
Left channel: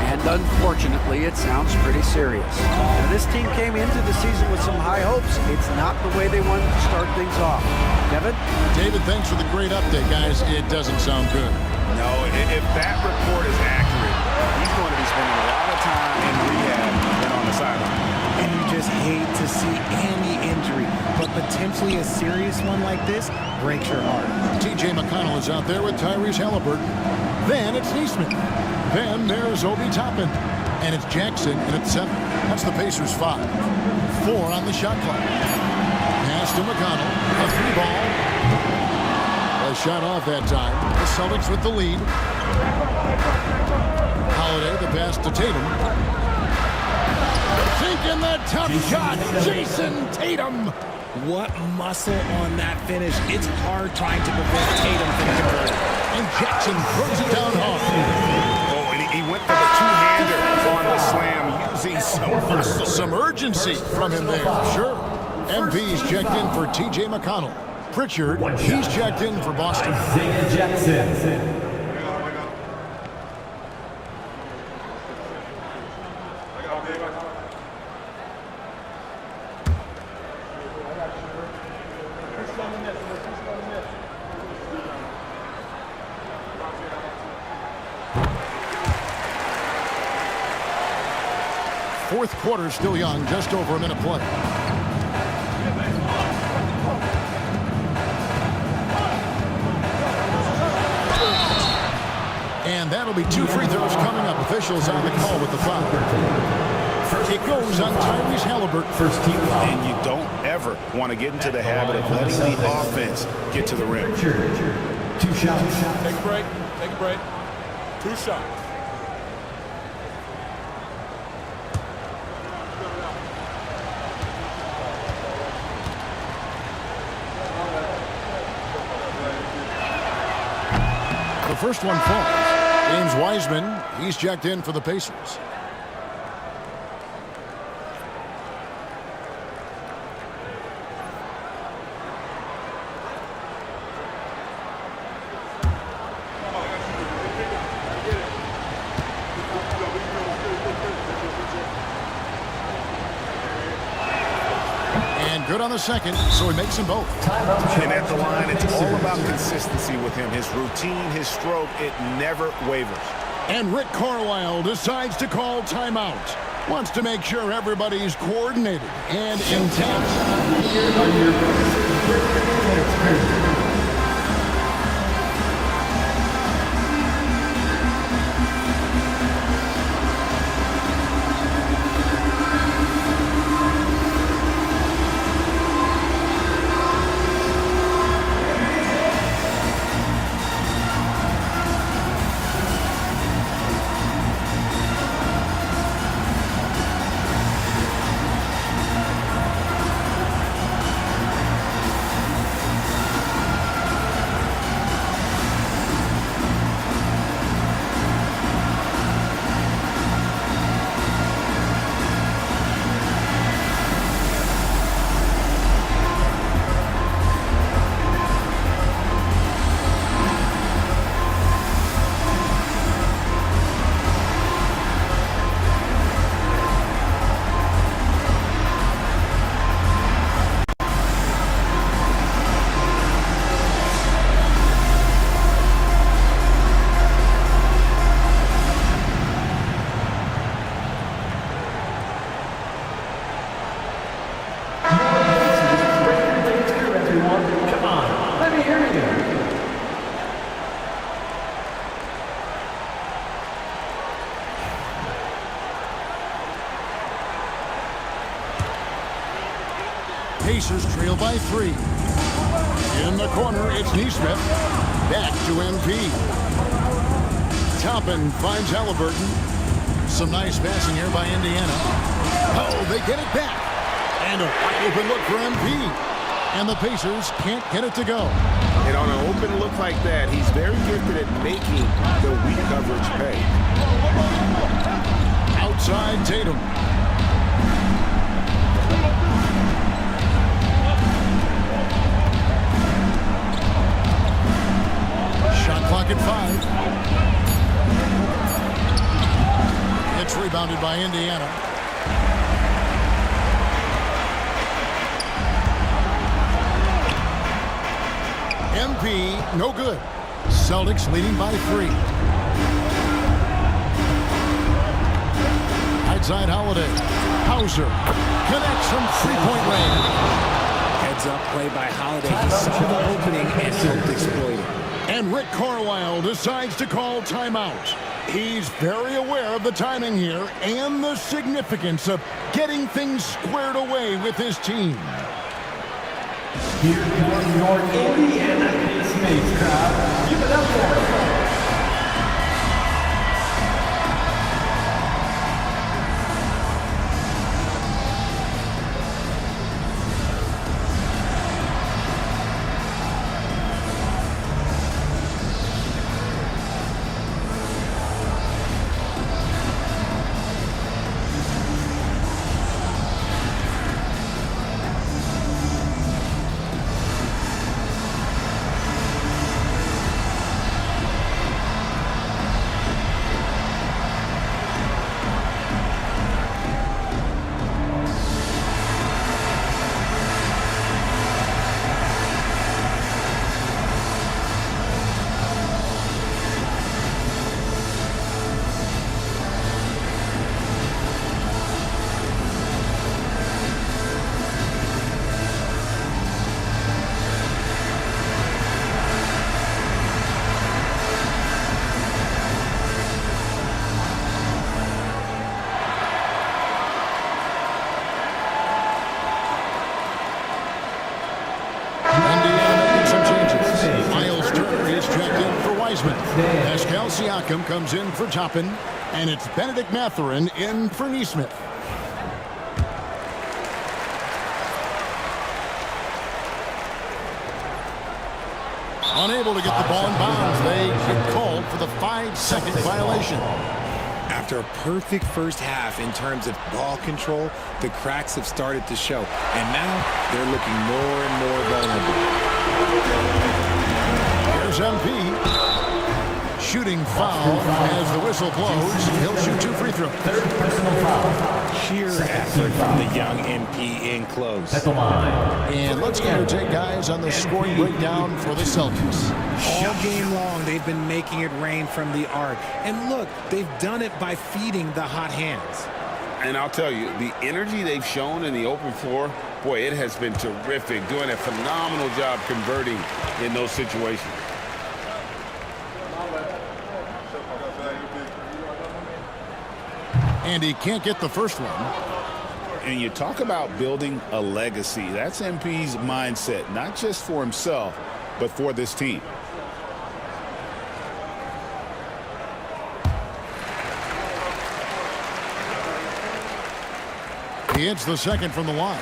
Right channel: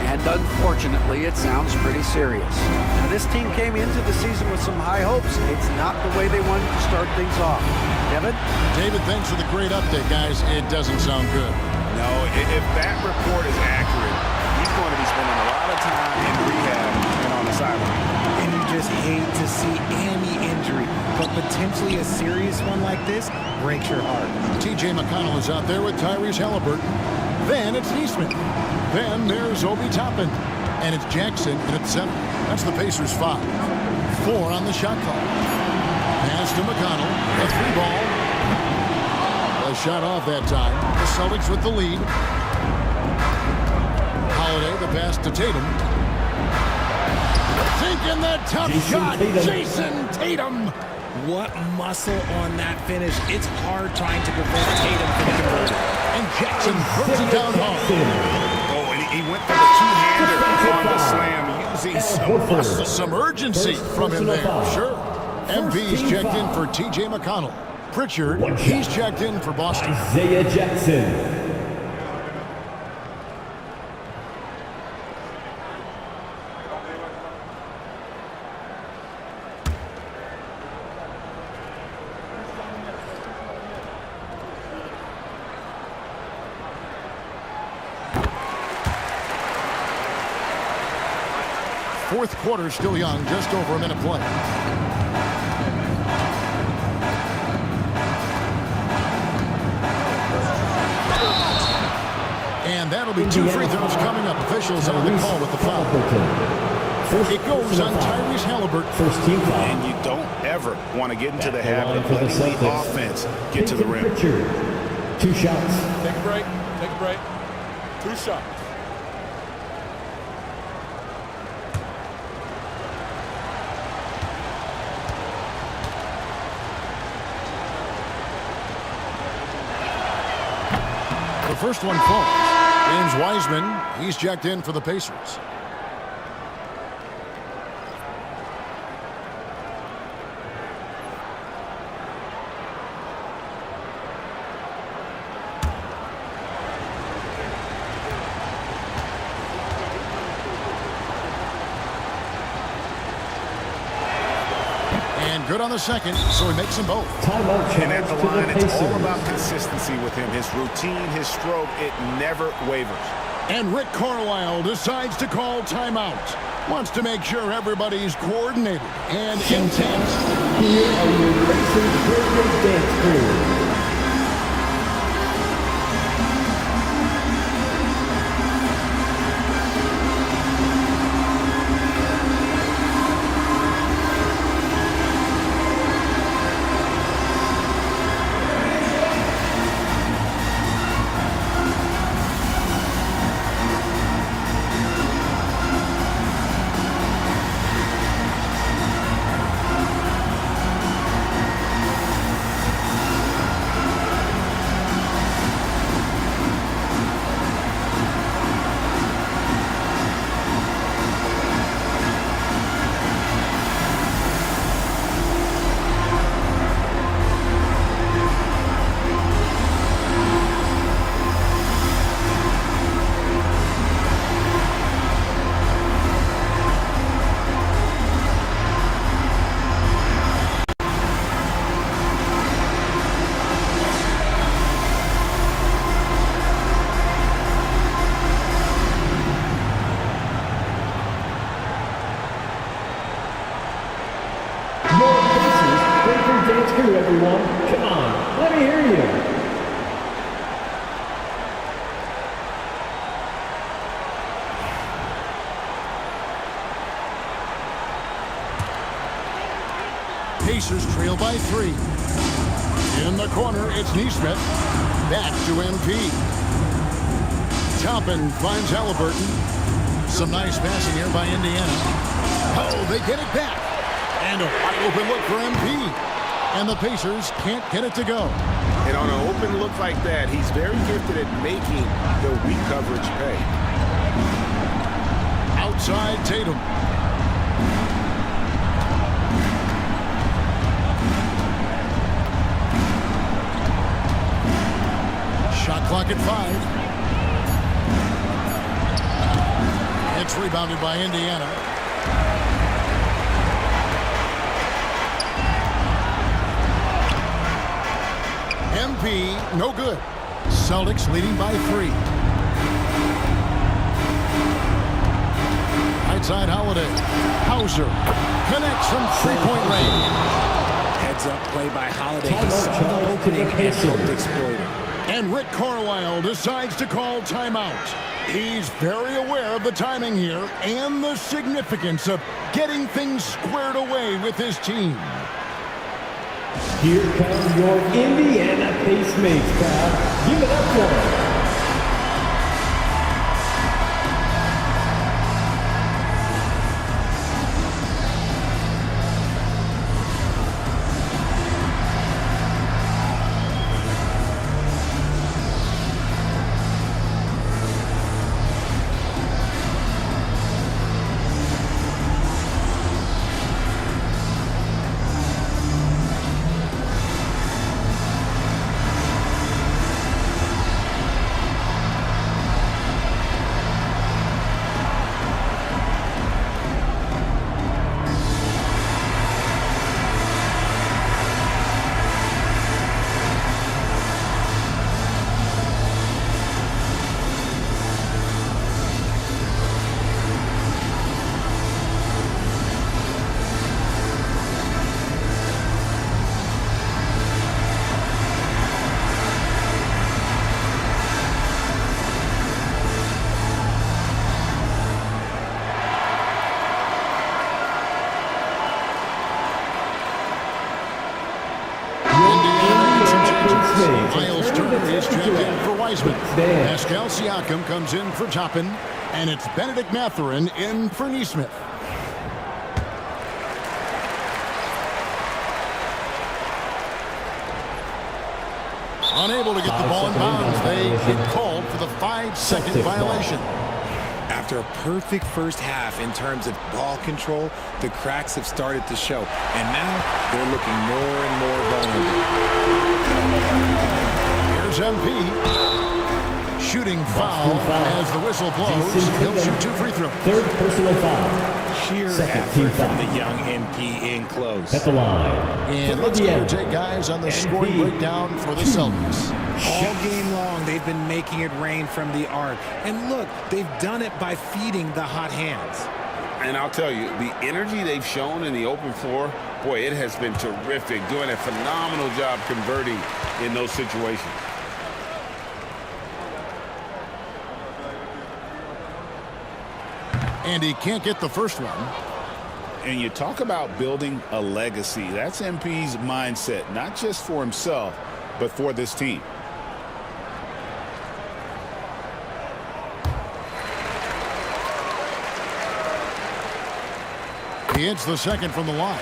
And unfortunately, it sounds pretty serious. Now, this team came into the season with some high hopes. It's not the way they wanted to start things off. Kevin? David, thanks for the great update, guys. It doesn't sound good. No, if that report is accurate, he's going to be spending a lot of time in rehab and on the sideline. And you just hate to see any injury, but potentially a serious one like this breaks your heart. T.J. McConnell is out there with Tyrese Halliburton. Then it's Neesmith. Then there's Obi Toppin. And it's Jackson in at 7. That's the Pacers 5. 4 on the shot clock. Pass to McConnell. A 3-ball. A shot off that time. The Celtics with the lead. Holiday, the pass to Tatum. Sinking that tough shot. Jason Tatum. What muscle on that finish. It's hard trying to prevent Tatum from converting. And Jackson throws it down hard. Oh, and he went for the two-hander on the slam using some muscle. Some urgency from him there, sure. MP's checked in for T.J. McConnell. Pritchard, he's checked in for Boston. Isaiah Jackson. Fourth quarter still young, just over a minute play. And that'll be 2 free throws coming up. Officials on the call with the foul. It goes on Tyrese Halliburton. First team foul. And you don't ever want to get into the habit of letting the offense get to the rim. 2 shots. Take a break. Take a break. 2 shots. The first one falls. James Wiseman, he's checked in for the Pacers. And good on the second, so he makes them both. And at the line, it's all about consistency with him. His routine, his stroke, it never wavers. And Rick Carlisle decides to call timeout. Wants to make sure everybody's coordinated and intent. Here are your Pacers Breakers dance crew. Everyone, come on, let me hear you. Pacers trail by 3. In the corner, it's Neesmith. Back to MP. Toppin finds Halliburton. Some nice passing here by Indiana. Oh, they get it back. And a wide open look for MP. And the Pacers can't get it to go. And on an open look like that, he's very gifted at making the weak coverage pay. Outside Tatum. Shot clock at 5. It's rebounded by Indiana. MP, no good. Celtics leading by 3. Right side Holiday. Hauser connects from three-point range. Heads up play by Holiday. He saw the opening and helped exploit it. And Rick Carlisle decides to call timeout. He's very aware of the timing here and the significance of getting things squared away with his team. Here come your Indiana Pacemates crowd. Give it up for them. Pascal Siakam comes in for Toppin, and it's Benedict Mathurin in for Nesmith. Unable to get the ball in bounds. They get called for the 5-second violation. After a perfect first half in terms of ball control, the cracks have started to show. And now they're looking more and more vulnerable. Here's MP. Shooting foul as the whistle blows. He'll shoot 2 free throws. Third personal foul. Sheer effort from the young MP in close. At the line. And let's get your take, guys, on the scoring breakdown for the Celtics. All game long, they've been making it rain from the arc. And look, they've done it by feeding the hot hands. And I'll tell you, the energy they've shown in the open floor, boy, it has been terrific. Doing a phenomenal job converting in those situations. And he can't get the first one. And you talk about building a legacy. That's MP's mindset, not just for himself, but for this team. He hits the second from the line.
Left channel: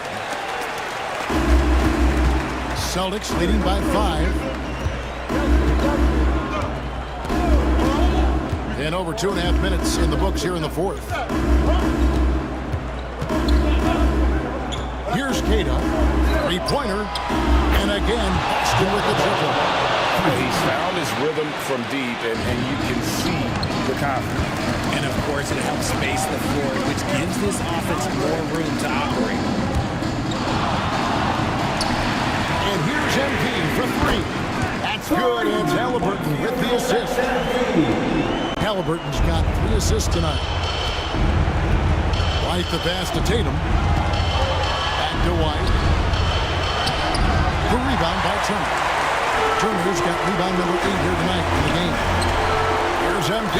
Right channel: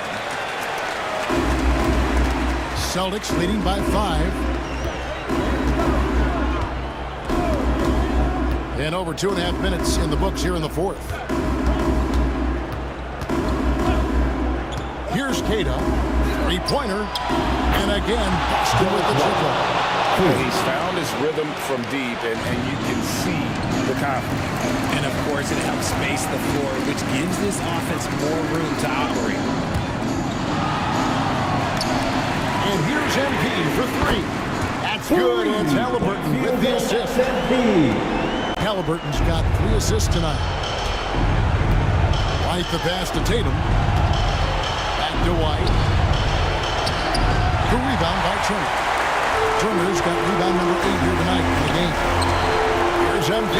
Celtics leading by 5. And over 2.5 minutes in the books here in the fourth. Here's Queta, 3-pointer, and again Boston with the triple. He's found his rhythm from deep, and you can see the confidence. And of course, it helps space the floor, which gives this offense more room to operate. And here's MP for 3. That's good. It's Halliburton with the assist. Halliburton's got 3 assists tonight. White the pass to Tatum. Back to White. The rebound by Turner. Turner's got rebound number 8 here tonight in the game. Here's MP.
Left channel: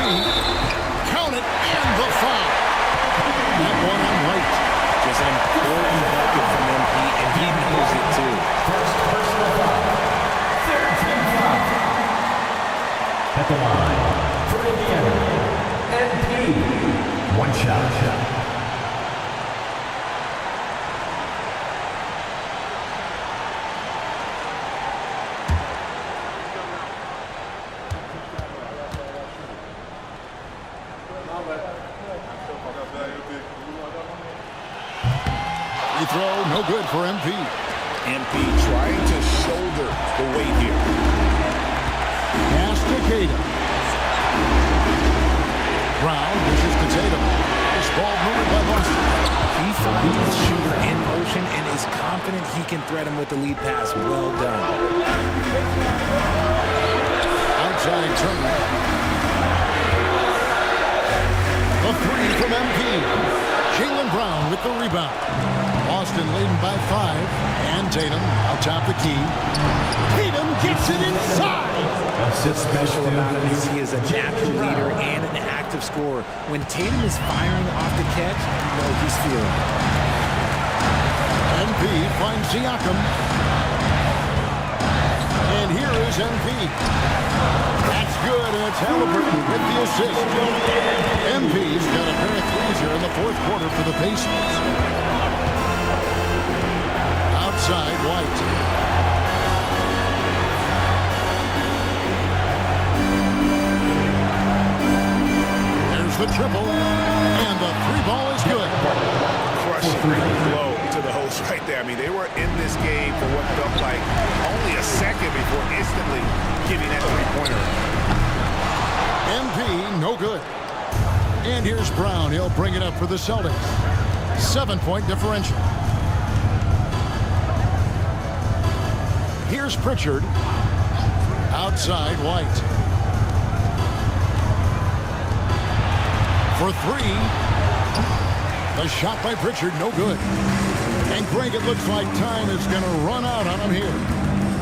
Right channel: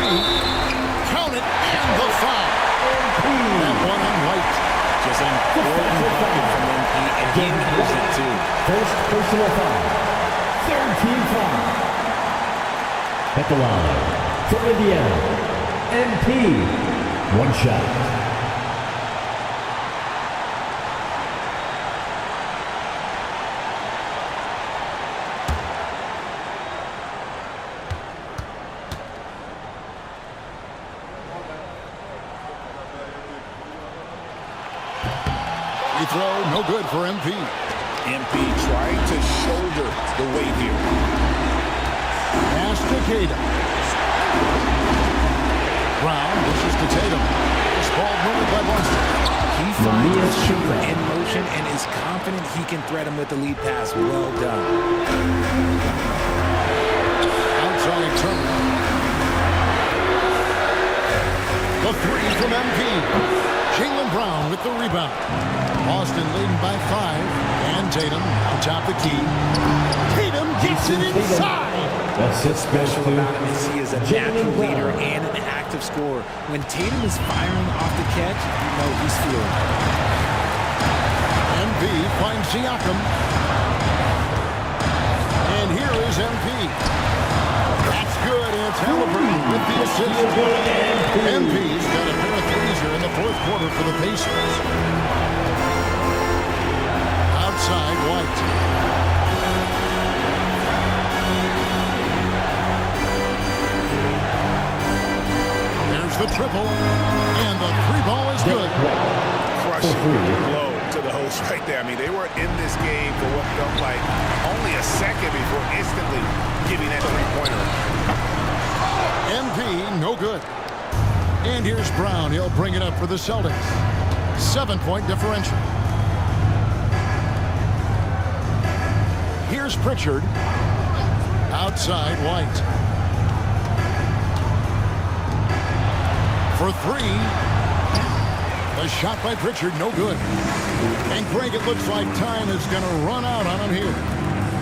Count it, and the foul. That one on White. Just an important bucket from MP, and he knows it too. First personal foul. Third team foul. At the line. For Indiana, MP, 1 shot. Free throw, no good for MP. MP trying to shoulder the weight here. Pass to Queta. Brown dishes to Tatum. This ball moving by Boston. He finds his shooter in motion and is confident he can thread him with the lead pass. Well done. outside Turner. The three from MP. Jaylen Brown with the rebound. Boston leading by 5. And Tatum out top the key. Tatum gets it inside. What's special about him is he is a natural leader and an active scorer. When Tatum is firing off the catch, you know he's feeling it. MP finds Siakam. And here is MP. That's good, and it's Halliburton with the assist. MP's got a pair of threes here in the fourth quarter for the Pacers. Outside White. There's the triple, and the three ball is good. Crushing blow to the host right there. I mean, they were in this game for what felt like only a second before instantly giving that three-pointer. MP, no good. And here's Brown. He'll bring it up for the Celtics. 7-point differential. Here's Pritchard. Outside White. For three. The shot by Pritchard, no good. And Greg, it looks like time is going to run out on him here.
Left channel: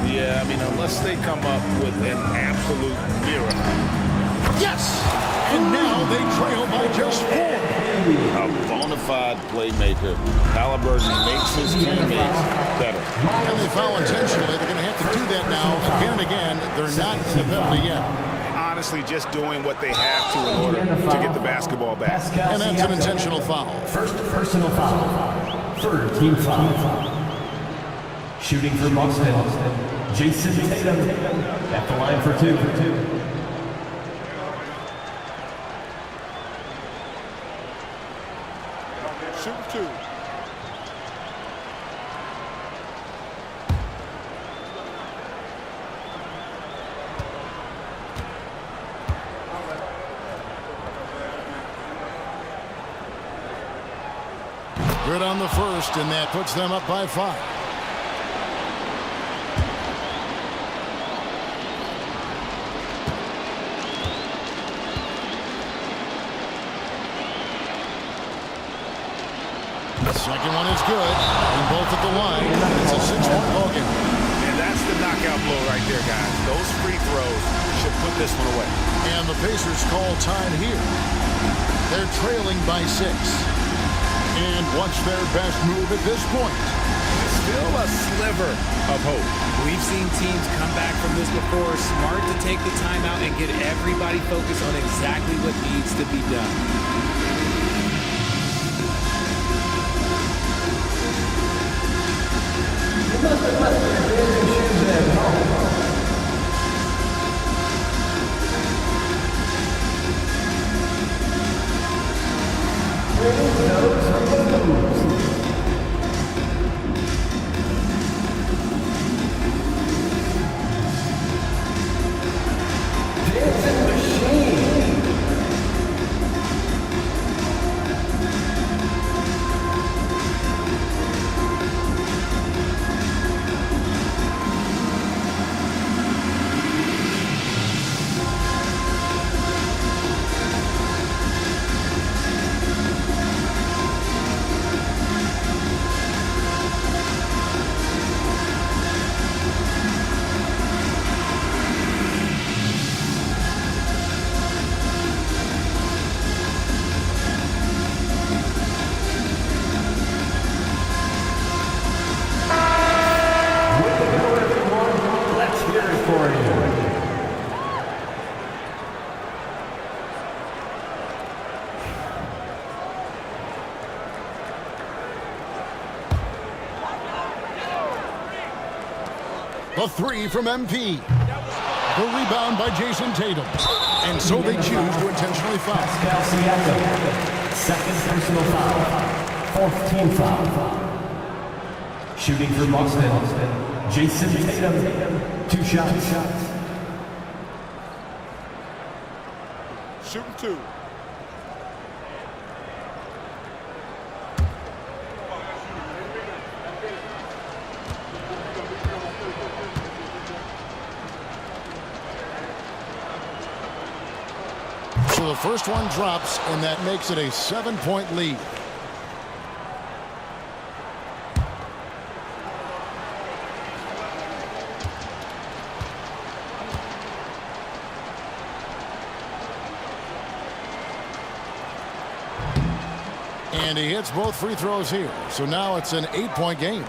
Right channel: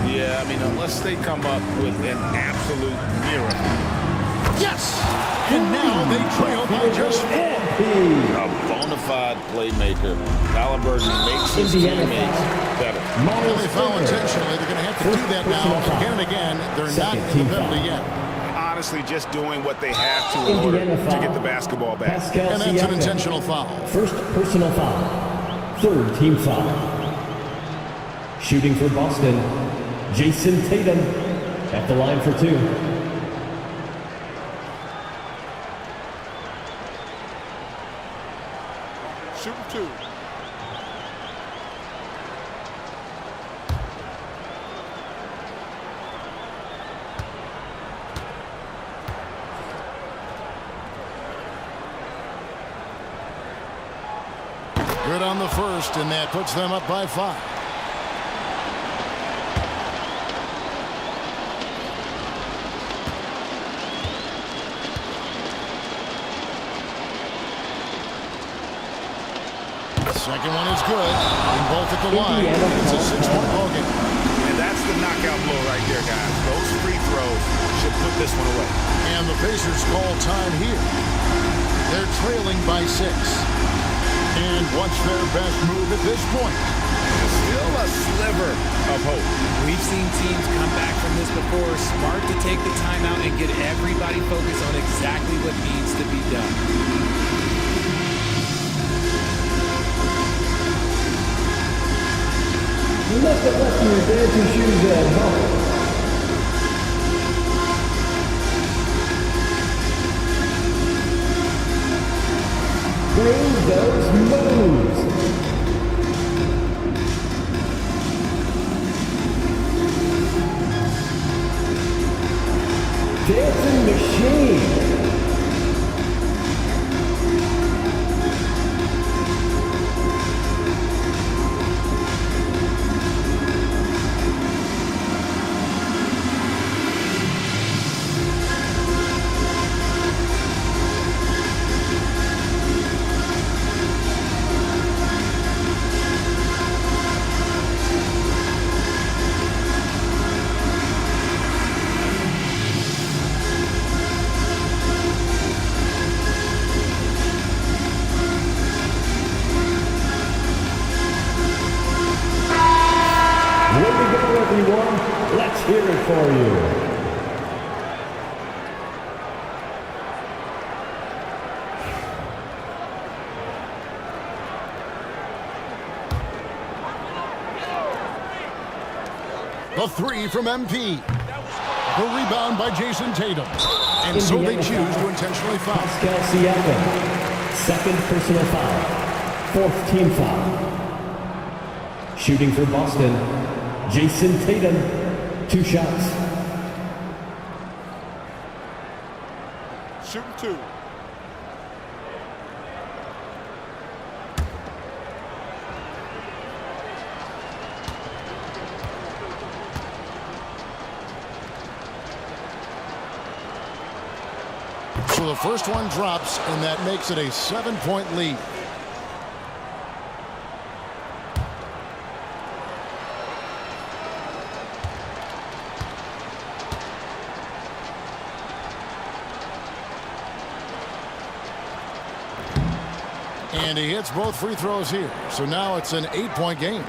Yeah, I mean, unless they come up with an absolute miracle. Yes! And now they trail by just 4. A bona fide playmaker. Halliburton makes his teammates better. And they foul intentionally. They're going to have to do that now again and again. They're not in the penalty yet. Honestly, just doing what they have to in order to get the basketball back. And that's an intentional foul. First personal foul. Third team foul. Shooting for Boston, Jason Tatum at the line for 2. Shooting 2. Good on the first, and that puts them up by 5. Second one is good. Being both at the line. It's a 6-point ball game. And that's the knockout blow right there, guys. Those free throws should put this one away. And the Pacers call time here. They're trailing by 6. And what's their best move at this point? Still a sliver of hope. We've seen teams come back from this before. Smart to take the timeout and get everybody focused on exactly what needs to be done. You must have left your dancing shoes at home. Bring those moves. Dancing machine. Hear it for you. The three from MP. The rebound by Jason Tatum. And so they choose to intentionally foul. Pascal Siakam. Second personal foul. Fourth team foul. Shooting for Boston, Jason Tatum. 2 shots. Shooting 2. the first one drops, and that makes it a 7-point lead. And he hits both free throws here. So now it's an 8-point game.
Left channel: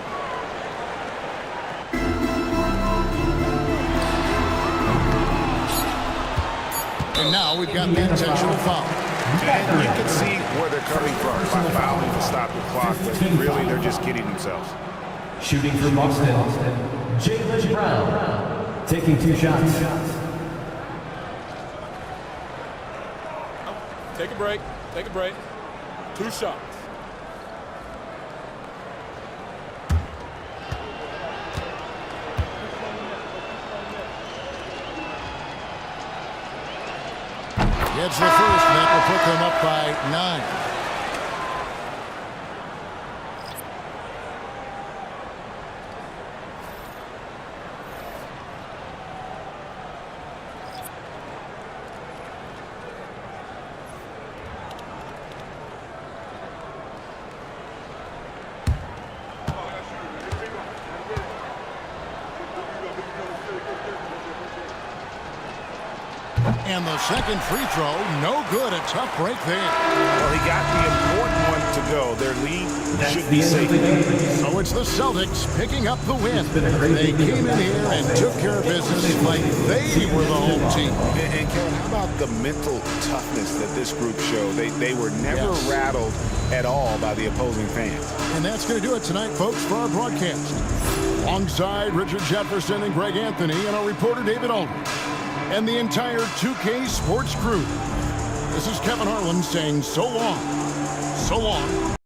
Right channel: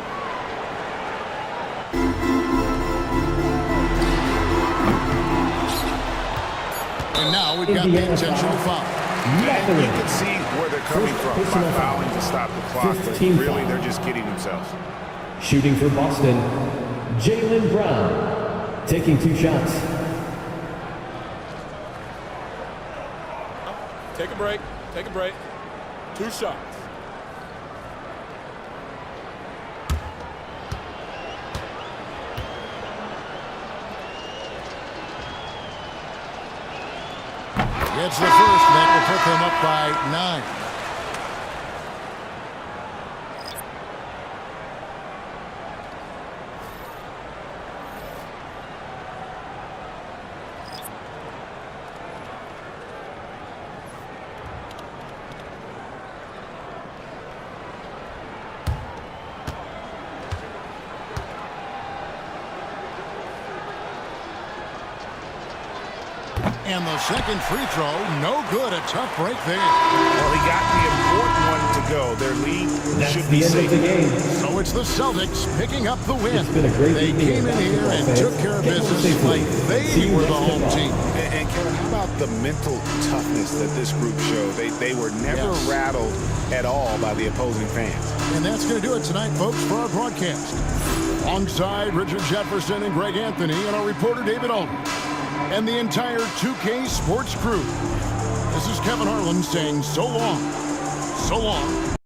And now we've got the intentional foul. And you can see where they're coming from by fouling to stop the clock, but really they're just kidding themselves. Shooting for Boston, Jaylen Brown, taking 2 shots. Take a break. Take a break. 2 shots. Gets the first, and that will put them up by 9. And the second free throw, no good. A tough break there. Well, he got the important one to go. Their lead should be safe. So it's the Celtics picking up the win. They came in here and took care of business like they were the home team. And Kevin, how about the mental toughness that this group showed? They were never rattled at all by the opposing fans. And that's going to do it tonight, folks, for our broadcast. Alongside Richard Jefferson and Greg Anthony and our reporter David Aldridge and the entire 2K Sports crew. This is Kevin Harlan saying so long. So long.